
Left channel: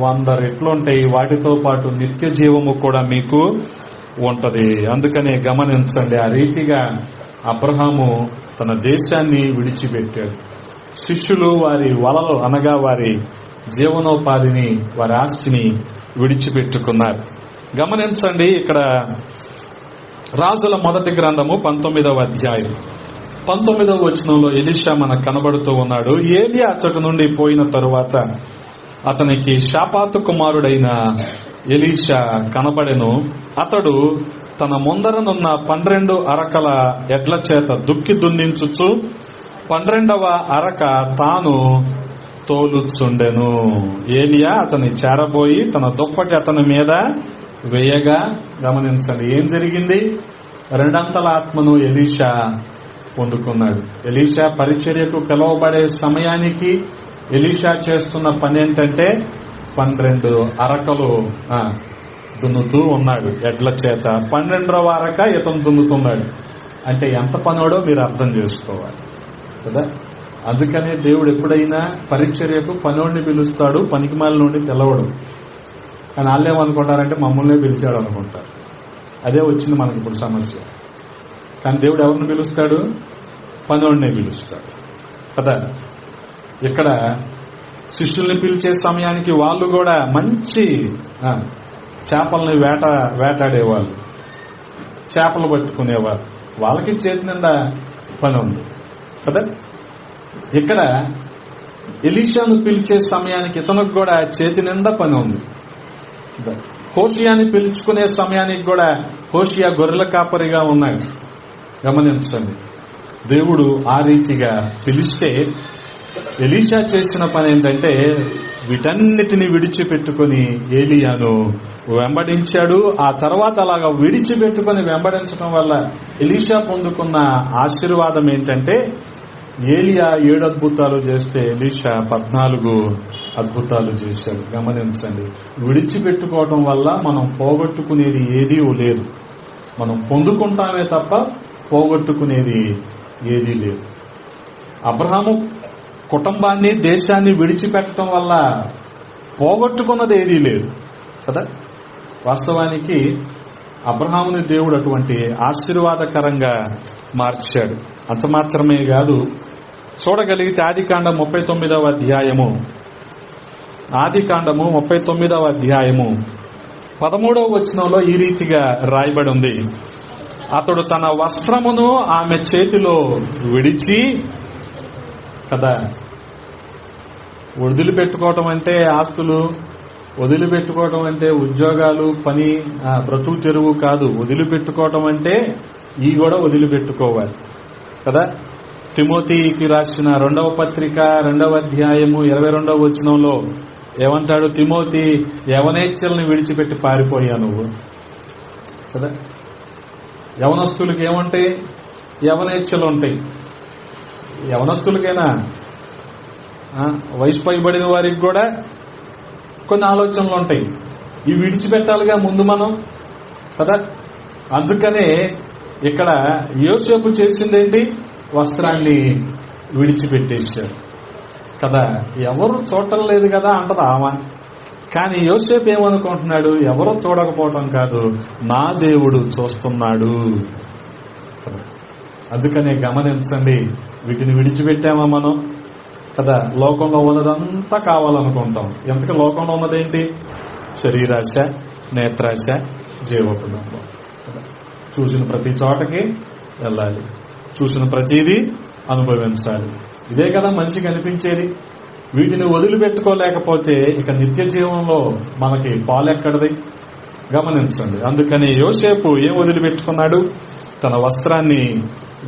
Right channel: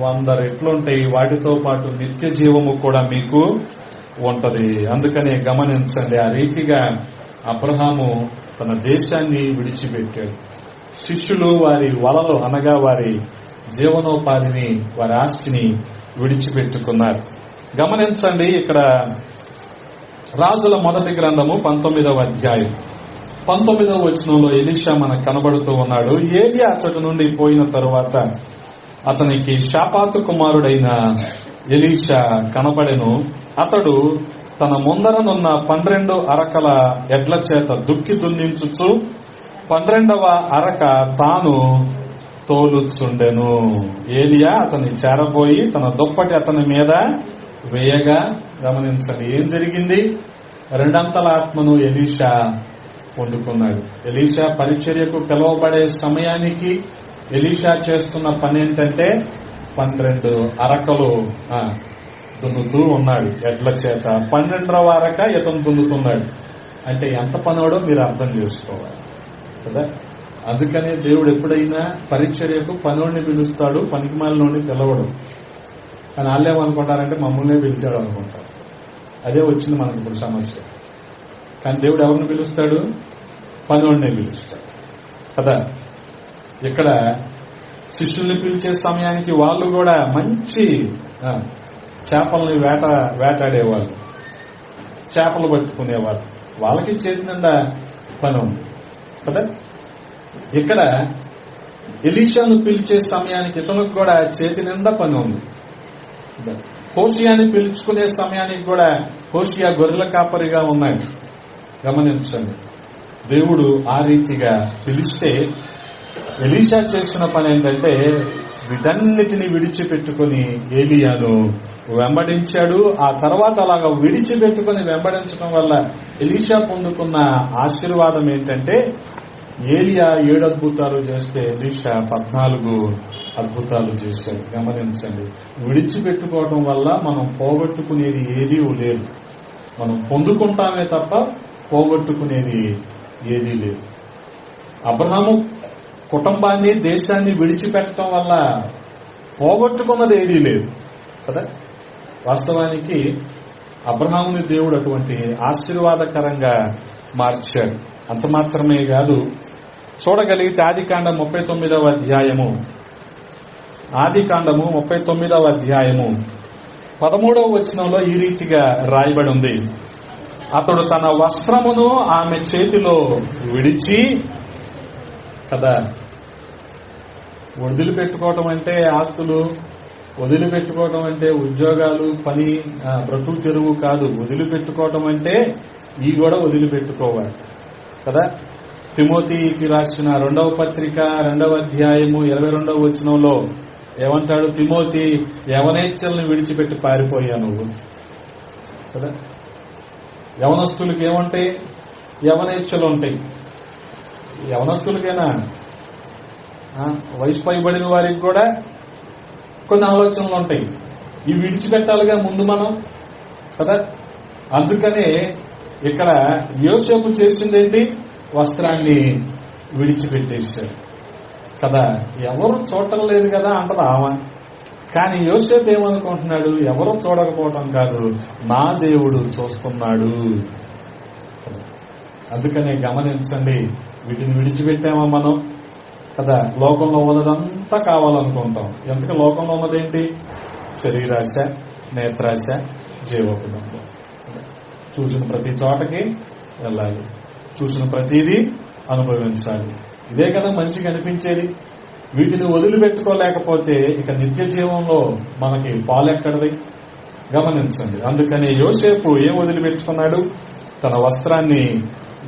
100 రెట్లు ఉంటాయి. వాటితో పాటు నిత్య జీవము కూడా మీకు ఉంటది. అందుకనే గమనించండి, ఆ రీతిగా అబ్రహాము తన దేశాన్ని విడిచిపెట్టాడు. శిష్యులు వారి వలలు అనగా వారి జీవనోపాధిని, వారి ఆస్తిని విడిచిపెట్టుకున్నారు. గమనించండి, ఇక్కడ రాజుల మొదటి గ్రంథము 19వ అధ్యాయం 19వ వచనంలో ఎలీషా మనకు కనబడుతూ ఉన్నాడు. ఏలియా అచ్చటి నుండి పోయిన తరువాత అతనికి షాపాతు కుమారుడైన ఎలీషా కనబడెను. అతడు తన ముందరనున్న 12 అరకల ఎడ్ల చేత దుక్కి దున్నించుచు 12వ అరక తాను తోలుచుండెను. ఏలియా అతన్ని చేరబోయి తన దుప్పటి అతని మీద వేయగా, గమనించండి ఏం జరిగింది? 2 ఆత్మను ఎలీషా పొందుకున్నాడు. ఎలీషా పరిచర్యకు పిలువబడే సమయానికి ఎలీషా చేస్తున్న పని ఏంటంటే 12 అరకలు దున్నుతూ ఉన్నాడు ఎడ్ల చేత. 12వ అరక ఇతను దున్నుతున్నాడు. అంటే ఎంత పనోడో మీరు అర్థం చేసుకోవాలి కదా. అందుకనే దేవుడు ఎప్పుడైనా పరిచర్యకు పనోడిని పిలుస్తాడు, పనికిమాలినోడిని పిలవడు. కానీ వాళ్ళేమనుకుంటారంటే మమ్మల్ని పిలిచాడు అనుకుంటారు. అదే వచ్చింది మనకి ఇప్పుడు సమస్య. కానీ దేవుడు ఎవరిని పిలుస్తాడు? పనోడిని పిలుస్తాడు కదా. ఇక్కడ శిష్యుల్ని పిలిచే సమయానికి వాళ్ళు కూడా మంచి చేపల్ని వేటాడేవాళ్ళు, చేపలు పట్టుకునేవాళ్ళు. వాళ్ళకి చేతి నిండా పని ఉంది కదా. ఇక్కడ ఎలీషాను పిలిచే సమయానికి ఇతనికి కూడా చేతి నిండా పని ఉంది. హోషియాని పిలుచుకునే సమయానికి కూడా హోషియా గొర్రెల కాపరిగా ఉన్నాడు. గమనించండి, దేవుడు ఆ రీతిగా పిలిస్తే ఎలీషా చేసిన పని ఏంటంటే వీటన్నిటిని విడిచిపెట్టుకుని ఏలియాను వెంబడించాడు. ఆ తర్వాత అలాగా విడిచిపెట్టుకుని వెంబడించడం వల్ల ఎలీషా పొందుకున్న ఆశీర్వాదం ఏంటంటే ఏలియా 7 అద్భుతాలు చేస్తే ఎలీషా 14 అద్భుతాలు చేశాడు. గమనించండి, విడిచిపెట్టుకోవడం వల్ల మనం పోగొట్టుకునేది ఏదీ లేదు. మనం పొందుకుంటామే తప్ప పోగొట్టుకునేది ఏదీ లేదు. అబ్రహాము కుటుంబాన్ని, దేశాన్ని విడిచిపెట్టడం వల్ల పోగొట్టుకున్నది ఏదీ లేదు కదా. వాస్తవానికి అబ్రహాముని దేవుడు అటువంటి ఆశీర్వాదకరంగా మార్చాడు. అంత మాత్రమే కాదు, చూడగలిగితే ఆదికాండం 39వ అధ్యాయము 13వ వచనంలో ఈ రీతిగా రాయబడి ఉంది. అతడు తన వస్త్రమును ఆమె చేతిలో విడిచి కదా. వదిలిపెట్టుకోవటం అంటే ఆస్తులు, వదిలిపెట్టుకోవటం అంటే ఉద్యోగాలు, పని, బ్రతుకు తెరువు కాదు. వదిలిపెట్టుకోవటం అంటే ఈ కూడా వదిలిపెట్టుకోవాలి కదా. తిమోతికి రాసిన 2వ పత్రిక 2వ అధ్యాయము 22వ వచనంలో ఏమంటాడు తిమోతి, యవనేచ్ఛల్ని విడిచిపెట్టి పారిపోయా నువ్వు కదా. యవనస్తులకి ఏముంటాయి? యవనేచ్ఛలు ఉంటాయి. యవనస్తులకైనా వయసు పైబడిన వారికి కూడా కొన్ని ఆలోచనలు ఉంటాయి. ఇవి విడిచిపెట్టాలిగా ముందు మనం కదా. అందుకనే ఇక్కడ యోసేపు చేసిందేంటి? వస్త్రాన్ని విడిచిపెట్టేశాడు కదా. ఎవరు చూడటం లేదు కదా అంటది ఆమె. కానీ యోసేపు ఏమనుకుంటున్నాడు? ఎవరో చూడకపోవటం కాదు, నా దేవుడు చూస్తున్నాడు. అందుకనే గమనించండి, వీటిని విడిచిపెట్టామా మనం కదా. లోకంలో ఉన్నదంతా కావాలనుకుంటాం. ఎంతకు లోకంలో ఉన్నదేంటి? శరీరాశ, నేత్రాశ, జీవోపదంగా. చూసిన ప్రతి చోటకి వెళ్ళాలి, చూసిన ప్రతిదీ అనుభవించాలి. ఇదే కదా మనిషికి అనిపించేది. వీటిని వదిలిపెట్టుకోలేకపోతే ఇక నిత్య జీవంలో మనకి పాలెక్కడది? గమనించండి. అందుకని యోసేపు ఏం వదిలిపెట్టుకున్నాడు? తన వస్త్రాన్ని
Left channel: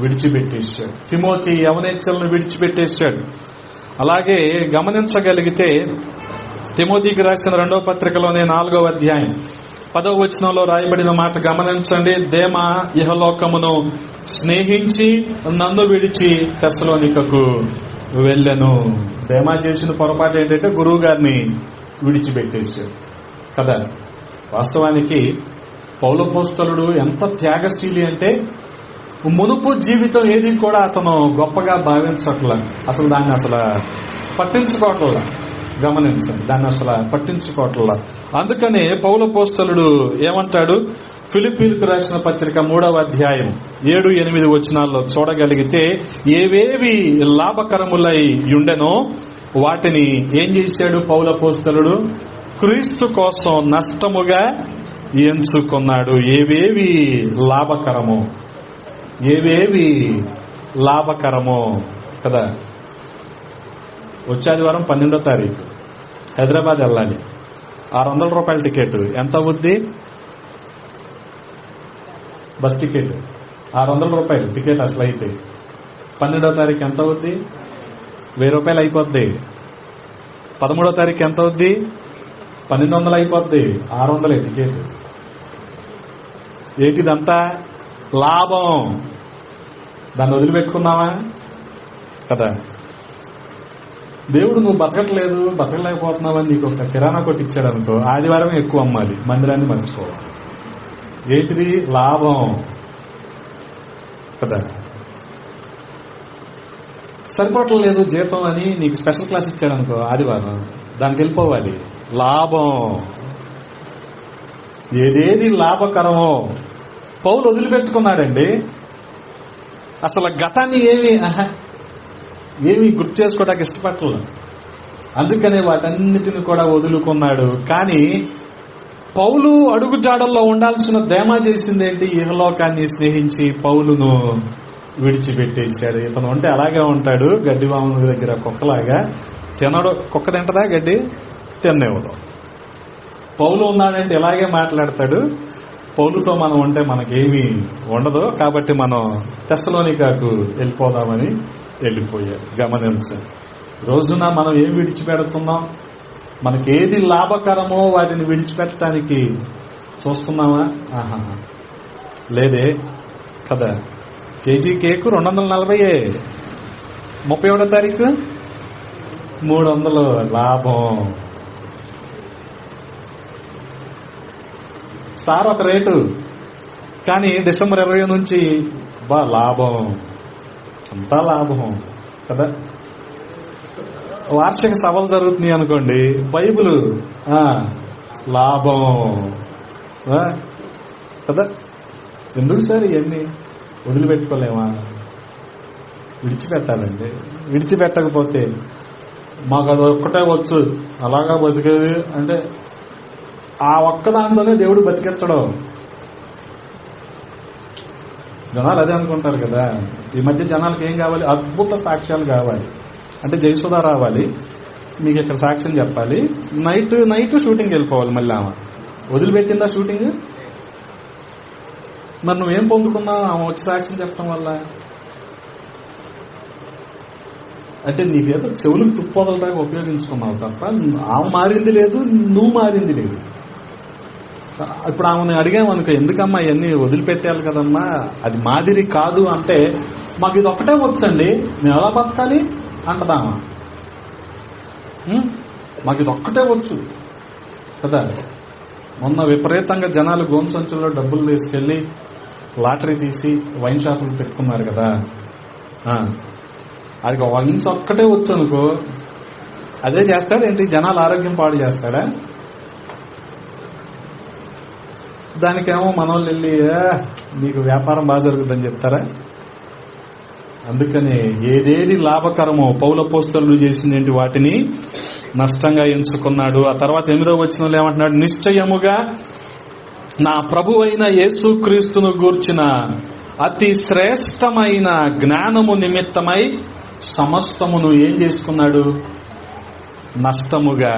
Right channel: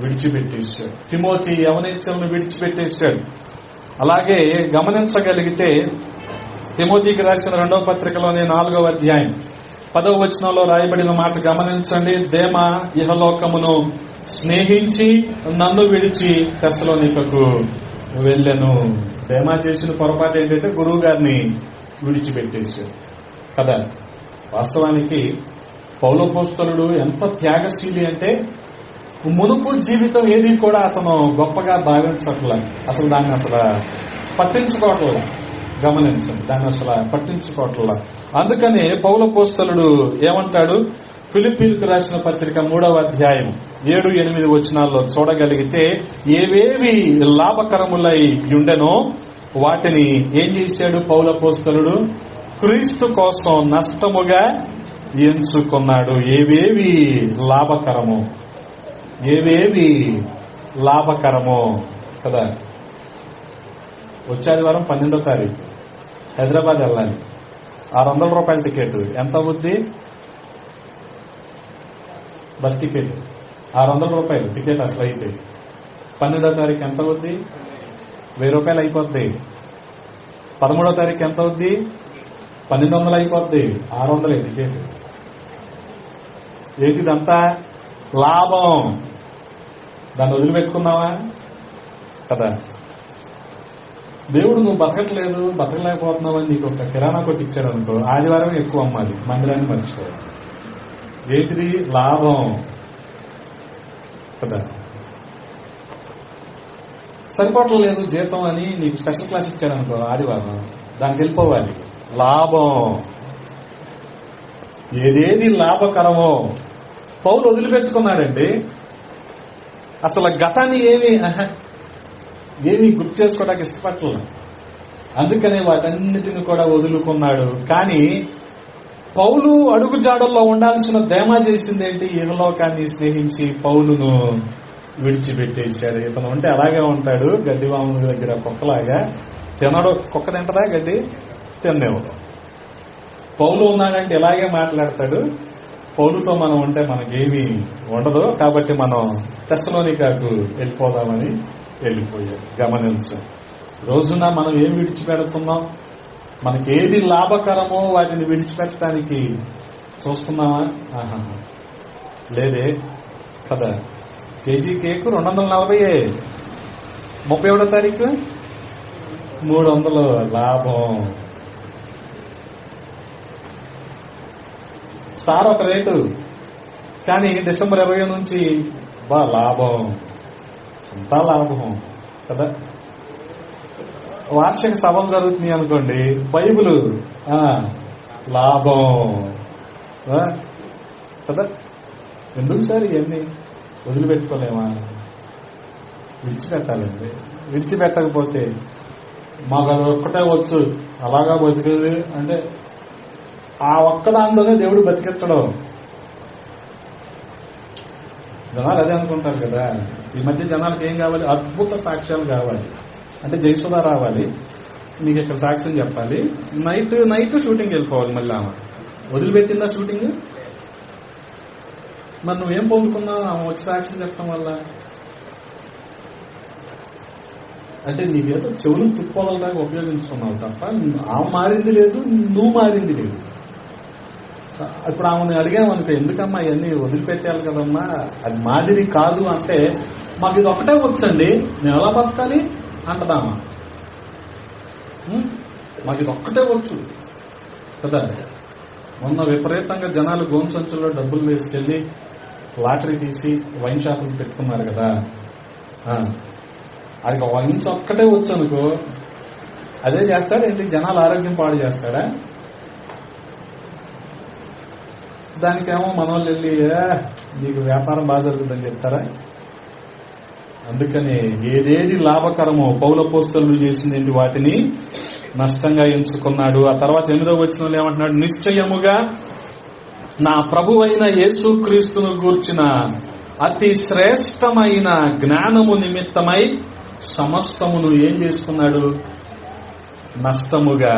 విడిచిపెట్టేశాడు. తిమోతి యవనేచ్ఛలను విడిచిపెట్టేశాడు. అలాగే గమనించగలిగితే తిమోతికి రాసిన 2వ పత్రికలోనే 4వ అధ్యాయం 10వ వచనంలో రాయబడిన మాట గమనించండి. దేమ ఇహలోకమును స్నేహించి నన్ను విడిచి తెస్సలోనికకు వెళ్ళెను. దేమా చేసిన పొరపాటు ఏంటంటే గురువు గారిని విడిచిపెట్టేశాడు కదా. వాస్తవానికి పౌలపోస్తలుడు ఎంత త్యాగశీలి అంటే మునుపు జీవితం ఏది కూడా అతను గొప్పగా భావించట్లా. అసలు దాన్ని అసలు పట్టించుకోవట్లా. గమనించండి, దాన్ని అసలు పట్టించుకోవట్లా. అందుకనే పౌలపోస్తలుడు ఏమంటాడు? ఫిలిప్పీలకు రాసిన పత్రిక 3వ అధ్యాయం 7-8 వచనాల్లో చూడగలిగితే, ఏవేవి లాభకరములై ఉండెనో వాటిని ఏం చేశాడు పౌలపోస్తలుడు? క్రీస్తు కోసం నష్టముగా ఎంచుకున్నాడు. ఏవేవి లాభకరమో, ఏవేవి లాభకరమో కదా. వచ్చే ఆదివారం 12వ తారీఖు హైదరాబాద్ వెళ్ళాలి. 600 రూపాయల టికెట్ ఎంత అవుద్ది? బస్ టికెట్ 600 రూపాయలు టికెట్ అసలు అయితే. 12వ తారీఖు ఎంత అవుద్ది? 1000 రూపాయలు అయిపోద్ది. 13వ తారీఖు ఎంత అవుద్ది? 1200 అయిపోద్ది. 600 టికెట్. ఏంటిదంతా లాభం. దాన్ని వదిలిపెట్టుకున్నావా కదా. దేవుడు నువ్వు బతకలేకపోతున్నావని నీకు ఒక కిరాణా కొట్టి ఇచ్చాడు అనుకో, ఆదివారం ఎక్కువ అమ్మాలి, మందిరాన్ని మర్చిపోవాలి. ఏంటిది? లాభం కదా. సరిపోవట్లేదు జీతం అని నీకు స్పెషల్ క్లాస్ ఇచ్చారనుకో ఆదివారం, దానికి వెళ్ళిపోవాలి. లాభం. ఏదేది లాభకరమో పౌలు వదిలిపెట్టుకున్నాడండి. అసలు గతాన్ని ఏమీ గుర్తు చేసుకోవడానికి ఇష్టపడలేదు. అందుకనే వాటన్నిటిని కూడా వదులుకున్నాడు. కానీ పౌలు అడుగుజాడల్లో ఉండాల్సిన దేమా చేసిందేంటి? ఇహలోకాన్ని స్నేహించి పౌలును విడిచిపెట్టేశాడు. ఇతను ఉంటే అలాగే ఉంటాడు, గడ్డి వాముల దగ్గర కుక్కలాగా. తినడు. కుక్క తింటదా గడ్డి? తినేవాడు. పౌలు ఉన్నాడంటే ఇలాగే మాట్లాడతాడు. పౌలుతో మనం ఉంటే మనకేమీ ఉండదు. కాబట్టి మనం తెస్సలోనికకు వెళ్ళిపోదామని వెళ్ళిపోయాడు. గమనించండి, రోజున మనం ఏం విడిచిపెడుతున్నాం? మనకేది లాభకరమో వాటిని విడిచిపెట్టడానికి చూస్తున్నామా? లేదే కదా. KG cake 240. 31వ తారీఖు 300 లాభం. స్టార్ ఒక రేటు, కానీ డిసెంబర్ 20 నుంచి లాభం, అంతా లాభం కదా. వార్షిక సభలు జరుగుతున్నాయి అనుకోండి, బైబిల్ లాభం కదా. ఎందుకు సార్ ఇవన్నీ వదిలిపెట్టుకోలేమా? విడిచిపెట్టాలండి. విడిచిపెట్టకపోతే మాకు అది ఒక్కటే వచ్చు అలాగా బతికేది అంటే ఆ ఒక్కదాంతోనే దేవుడు బతికించడం. జనాలు అదే అనుకుంటారు కదా. ఈ మధ్య జనాలకు ఏం కావాలి? అద్భుత సాక్ష్యాలు కావాలి. అంటే జయసుధ రావాలి, మీకు ఇక్కడ సాక్ష్యం చెప్పాలి, నైట్ షూటింగ్ వెళ్ళిపోవాలి. మళ్ళీ వదిలిపెట్టిందా షూటింగ్? మరి నువ్వేం పొందుకున్నావు ఆమె వచ్చి సాక్ష్యం చెప్పడం వల్ల? అంటే నీకేదో చెవులకు తుప్పోదలాగా ఉపయోగించుకున్నావు తప్ప ఆమె మారింది లేదు, నువ్వు మారింది లేదు. ఇప్పుడు ఆమెను అడిగామనుకో, ఎందుకమ్మా ఇవన్నీ వదిలిపెట్టాలి కదమ్మా, అది మాదిరి కాదు అంటే, మాకు ఇది ఒకటే వచ్చండి, మేము ఎలా బతకాలి అంటదా. మాకు ఇది ఒక్కటే వచ్చు కదా. మొన్న విపరీతంగా జనాలు గోను సంచుల్లో డబ్బులు తీసుకెళ్లి లాటరీ తీసి వైన్ షాపులు పెట్టుకున్నారు కదా. అది వైన్ ఒక్కటే వచ్చు అనుకో, అదే చేస్తాడేంటి, జనాలు ఆరోగ్యం పాడు చేస్తాడా? దానికేమో మన వాళ్ళు వెళ్ళి నీకు వ్యాపారం బాగా జరుగుతుందని చెప్తారా? అందుకని ఏదేది లాభకరమో పౌలపోస్తలులు చేసినటువంటి వాటిని నష్టంగా ఎంచుకున్నాడు. ఆ తర్వాత 8వ వచనంలో ఏమంటున్నాడు, నిశ్చయముగా నా ప్రభువైన యేసుక్రీస్తును గూర్చిన అతి శ్రేష్టమైన జ్ఞానము నిమిత్తమై సమస్తమును ఏం చేసుకున్నాడు, నష్టముగా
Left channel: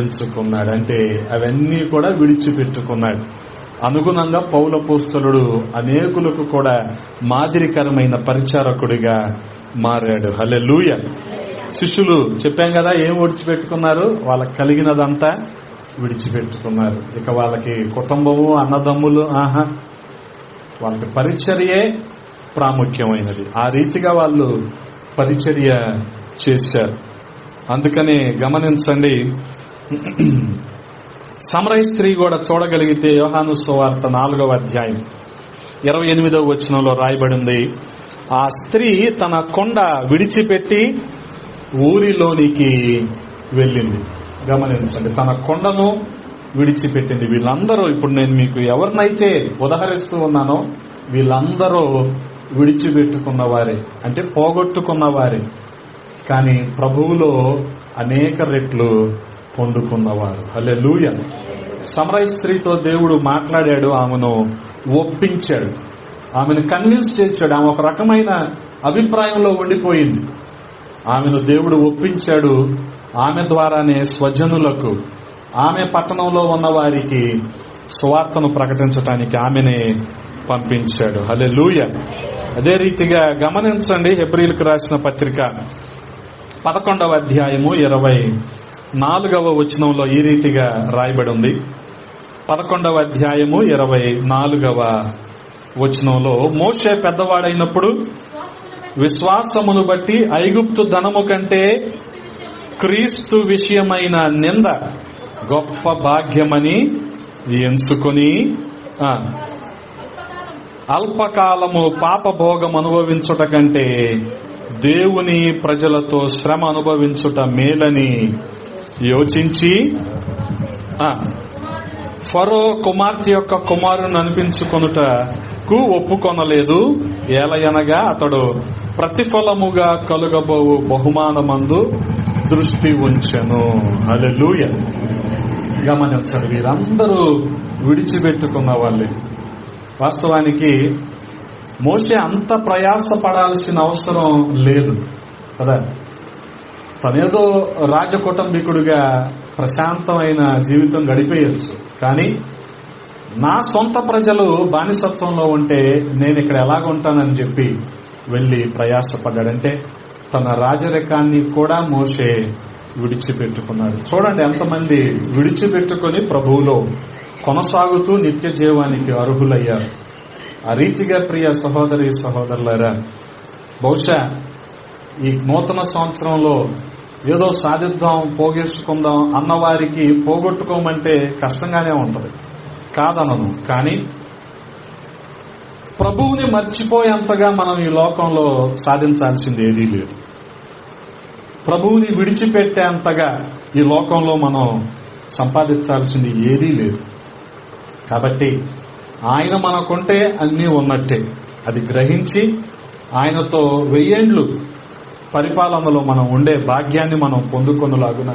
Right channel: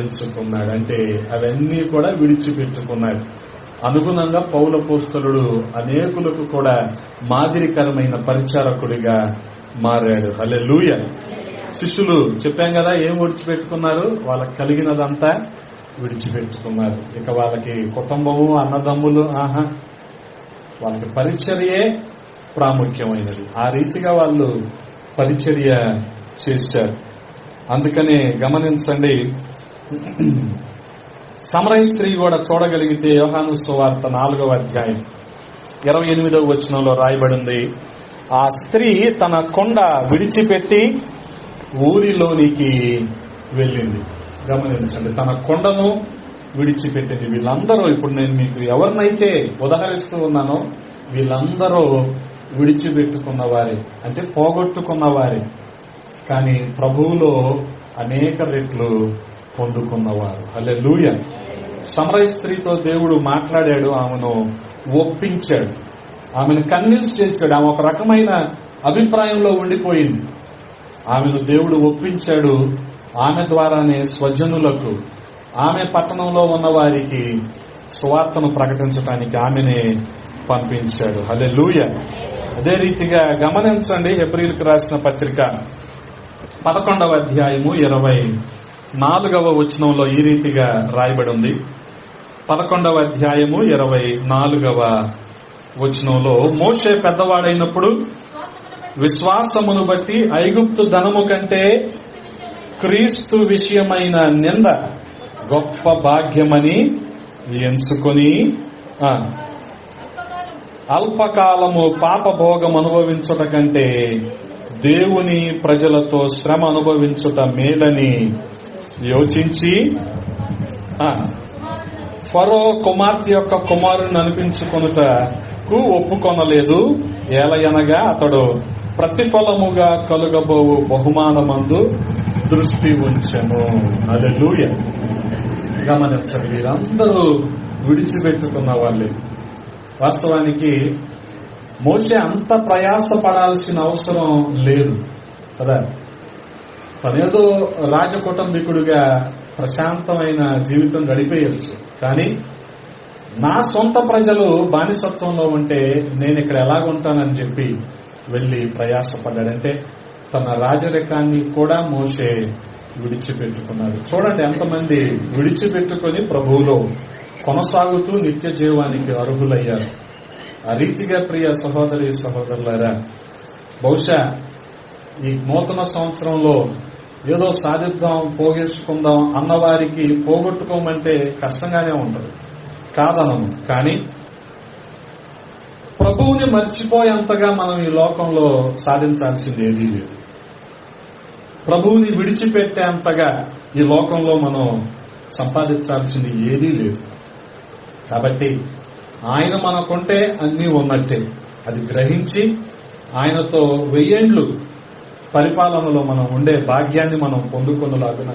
ఎంచుకున్నాడు. అంటే అవన్నీ కూడా విడిచిపెట్టుకున్నాడు. అనుగుణంగా పౌలపోస్తలుడు అనేకులకు కూడా మాదిరికరమైన పరిచారకుడిగా మారాడు. హల్లెలూయా. శిష్యులు చెప్పాం కదా, ఏం విడిచిపెట్టుకున్నారు, వాళ్ళకి కలిగినదంతా విడిచిపెట్టుకున్నారు. ఇక వాళ్ళకి కుటుంబము, అన్నదమ్ములు, వాళ్ళకి పరిచర్యే ప్రాముఖ్యమైనది. ఆ రీతిగా వాళ్ళు పరిచర్య చేశారు. అందుకనే గమనించండి, సమరయ స్త్రీ కూడా చూడగలిగితే యోహాను సువార్త 4వ అధ్యాయం 28వ వచనంలో రాయబడింది, ఆ స్త్రీ తన కొండ విడిచిపెట్టి ఊరిలోనికి వెళ్ళింది. గమనించండి, తన కొండను విడిచిపెట్టింది. వీళ్ళందరూ, ఇప్పుడు నేను మీకు ఎవరినైతే ఉదహరిస్తూ ఉన్నానో వీళ్ళందరూ విడిచిపెట్టుకున్నవారే, అంటే పోగొట్టుకున్నవారే, కానీ ప్రభువులో అనేక రెట్లు పొందుకున్నవారు. హల్లెలూయా. సమరయ స్త్రీతో దేవుడు మాట్లాడాడు, ఆమెను ఒప్పించాడు, ఆమెను కన్విన్స్ చేశాడు. ఆమె ఒక రకమైన అభిప్రాయంలో ఉండిపోయింది. ఆమెను దేవుడు ఒప్పించాడు. ఆమె ద్వారానే స్వజనులకు, ఆమె పట్టణంలో ఉన్న వారికి సువార్తను ప్రకటించడానికి ఆమెనే పంపించాడు. హల్లెలూయా. అదే రీతిగా గమనించండి, హెబ్రీయులకు రాసిన పత్రిక 11వ అధ్యాయము 24వ వచనంలో ఈ రీతిగా రాయబడి ఉంది. 11వ అధ్యాయము 24వ వచనంలో, మోషే పెద్దవాడైనప్పుడు విశ్వాసమును బట్టి ఐగుప్తు ధనము కంటే క్రీస్తు విషయమైన నింద గొప్ప భాగ్యమని ఎంచుకొని అల్పకాలము పాపభోగం అనుభవించుట కంటే దేవుని ప్రజలతో శ్రమ అనుభవించుట మేలని యోచించి ఫరో కుమార్తె యొక్క కుమారుని అనిపించుకొనుటకు ఒప్పుకొనలేదు. ఏలయనగా అతడు ప్రతిఫలముగా కలుగబోవు బహుమానమందు దృష్టి ఉంచెను. హల్లెలూయా. గమనించండి, వీరందరూ విడిచిపెట్టుకున్న వాళ్ళే. వాస్తవానికి మోషే అంత ప్రయాసపడాల్సిన అవసరం లేదు కదా. తనేదో రాజకుటుంబీకుడిగా ప్రశాంతమైన జీవితం గడిపేయచ్చు, కానీ నా సొంత ప్రజలు బానిసత్వంలో ఉంటే నేను ఇక్కడ ఎలాగుంటానని చెప్పి వెళ్లి ప్రయాసపడ్డాడంటే తన రాజరికాన్ని కూడా మోషే విడిచిపెట్టుకున్నాడు. చూడండి ఎంతమంది విడిచిపెట్టుకొని ప్రభువులో కొనసాగుతూ నిత్య జీవానికి అర్హులయ్యారు. ఆ రీతిగా ప్రియ సహోదరి సహోదరులారా, బహుశా ఈ నూతన సంవత్సరంలో ఏదో సాధిద్దాం, పోగేసుకుందాం అన్నవారికి పోగొట్టుకోమంటే కష్టంగానే ఉంటుంది, కాదనము. కానీ ప్రభువుని మర్చిపోయేంతగా మనం ఈ లోకంలో సాధించాల్సింది ఏదీ లేదు. ప్రభువుని విడిచిపెట్టేంతగా ఈ లోకంలో మనం సంపాదించాల్సింది ఏదీ లేదు. కాబట్టి ఆయన మనకుంటే అన్నీ ఉన్నట్టే. అది గ్రహించి ఆయనతో 1000 ఏళ్లు పరిపాలనలో మనం ఉండే భాగ్యాన్ని మనం పొందుకొనలాగున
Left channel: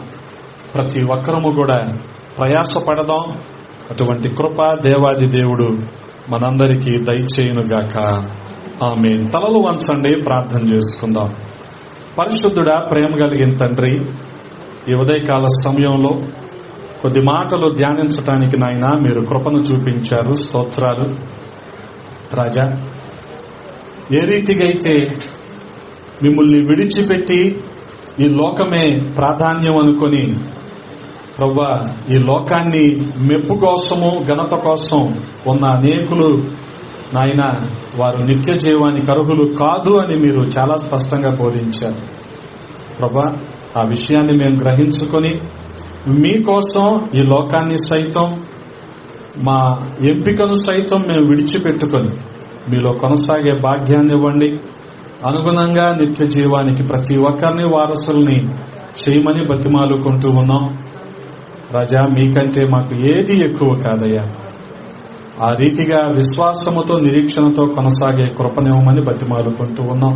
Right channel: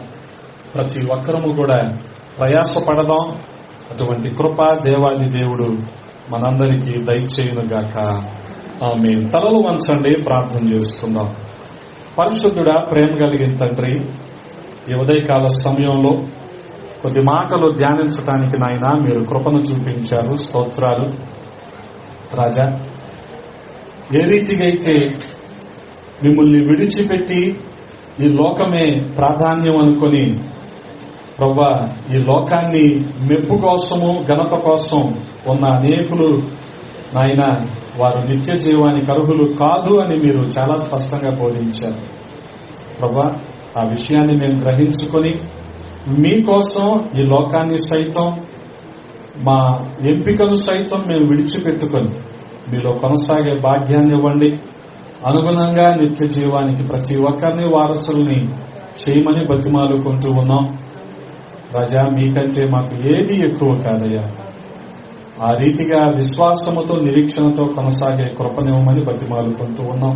ప్రతి ఒక్కరము కూడా ప్రయాసపడదాం. అటువంటి కృప దేవాది దేవుడు మనందరికీ దయచేయునుగాక. ఆమేన్. తలలు వంచండి, ప్రార్థన చేసుకుందాం. పరిశుద్ధుడా, ప్రేమ కలిగిన తండ్రి, ఈ ఉదయకాల సమయంలో కొద్ది మాటలు ధ్యానించటానికి నాయన మీరు కృపను చూపించారు. స్తోత్రాలు రాజా. ఏ రీతిగా అయితే మిమ్మల్ని విడిచిపెట్టి ఈ లోకమే ప్రాధాన్యం అనుకొని ప్రభువా ఈ లోకాన్ని మెప్పు కోసము ఘనత కోసం ఉన్న అనేకులు నాయన వారు నిత్య జీవానికి అర్హులు కాదు అని మీరు చాలా స్పష్టంగా బోధించారు ప్రభువా. ఆ విషయాన్ని మేము గ్రహించుకొని మీకోసం ఈ లోకాన్ని సైతం మా ఎంపికను సైతం మేము విడిచిపెట్టుకొని మీలో కొనసాగే భాగ్యాన్ని ఇవ్వండి. అనుగుణంగా నిత్య జీవానికి ప్రతి ఒక్కరిని వారసుల్ని చేయమని బతిమాలుకుంటూ ఉన్నాం రాజా. మీకంటే మాకు ఏది ఎక్కువ కాదయ్యా. ఆ రీతిగా విశ్వాసముతో నిరీక్షణతో కొనసాగే కృపనివ్వమని బతిమాలుకుంటూ ఉన్నాం.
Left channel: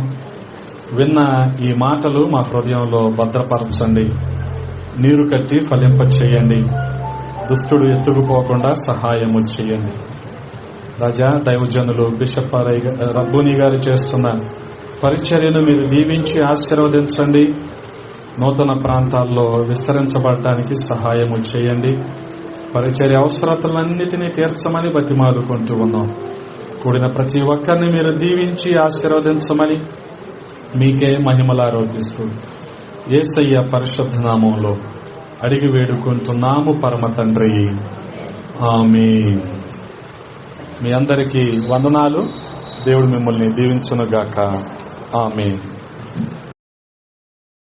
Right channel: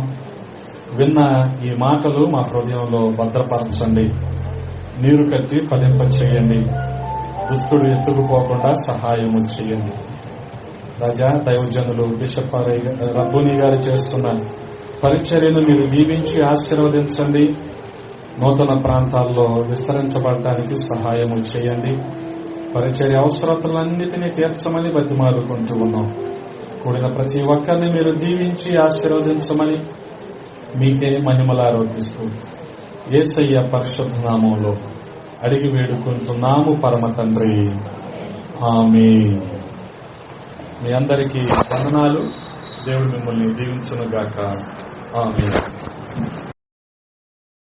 విన్న ఈ మాటలు మా హృదయంలో భద్రపరచండి, నీరు కట్టి ఫలింప చేయండి, దుష్టుడు ఎత్తుకుపోకుండా సహాయము చేయండి రాజా. దైవజనులు బిషప్ రబ్బూని గారు చేస్తున్న పరిచర్యను మీరు దీవించి ఆశీర్వదించండి. నూతన ప్రాంతాల్లో విస్తరించబడటానికి సహాయము చేయండి. పరిచర్య అవసరతలన్నిటినీ తీర్చమని బతిమాలుకుంటూ ఉన్నాం. కూడిన ప్రతి ఒక్కరిని మీరు దీవించి ఆశీర్వదించమని మీకే మహిమలు ఆరోపిస్తూ యేసయ్య పరిశుద్ధ నామంలో అడిగి వేడుకుంటున్నాము పరమ తండ్రి, ఆమేన్. మీ అందరికీ వందనాలు. దేవుడు మిమ్మల్ని దీవించునుగాక. ఆమేన్.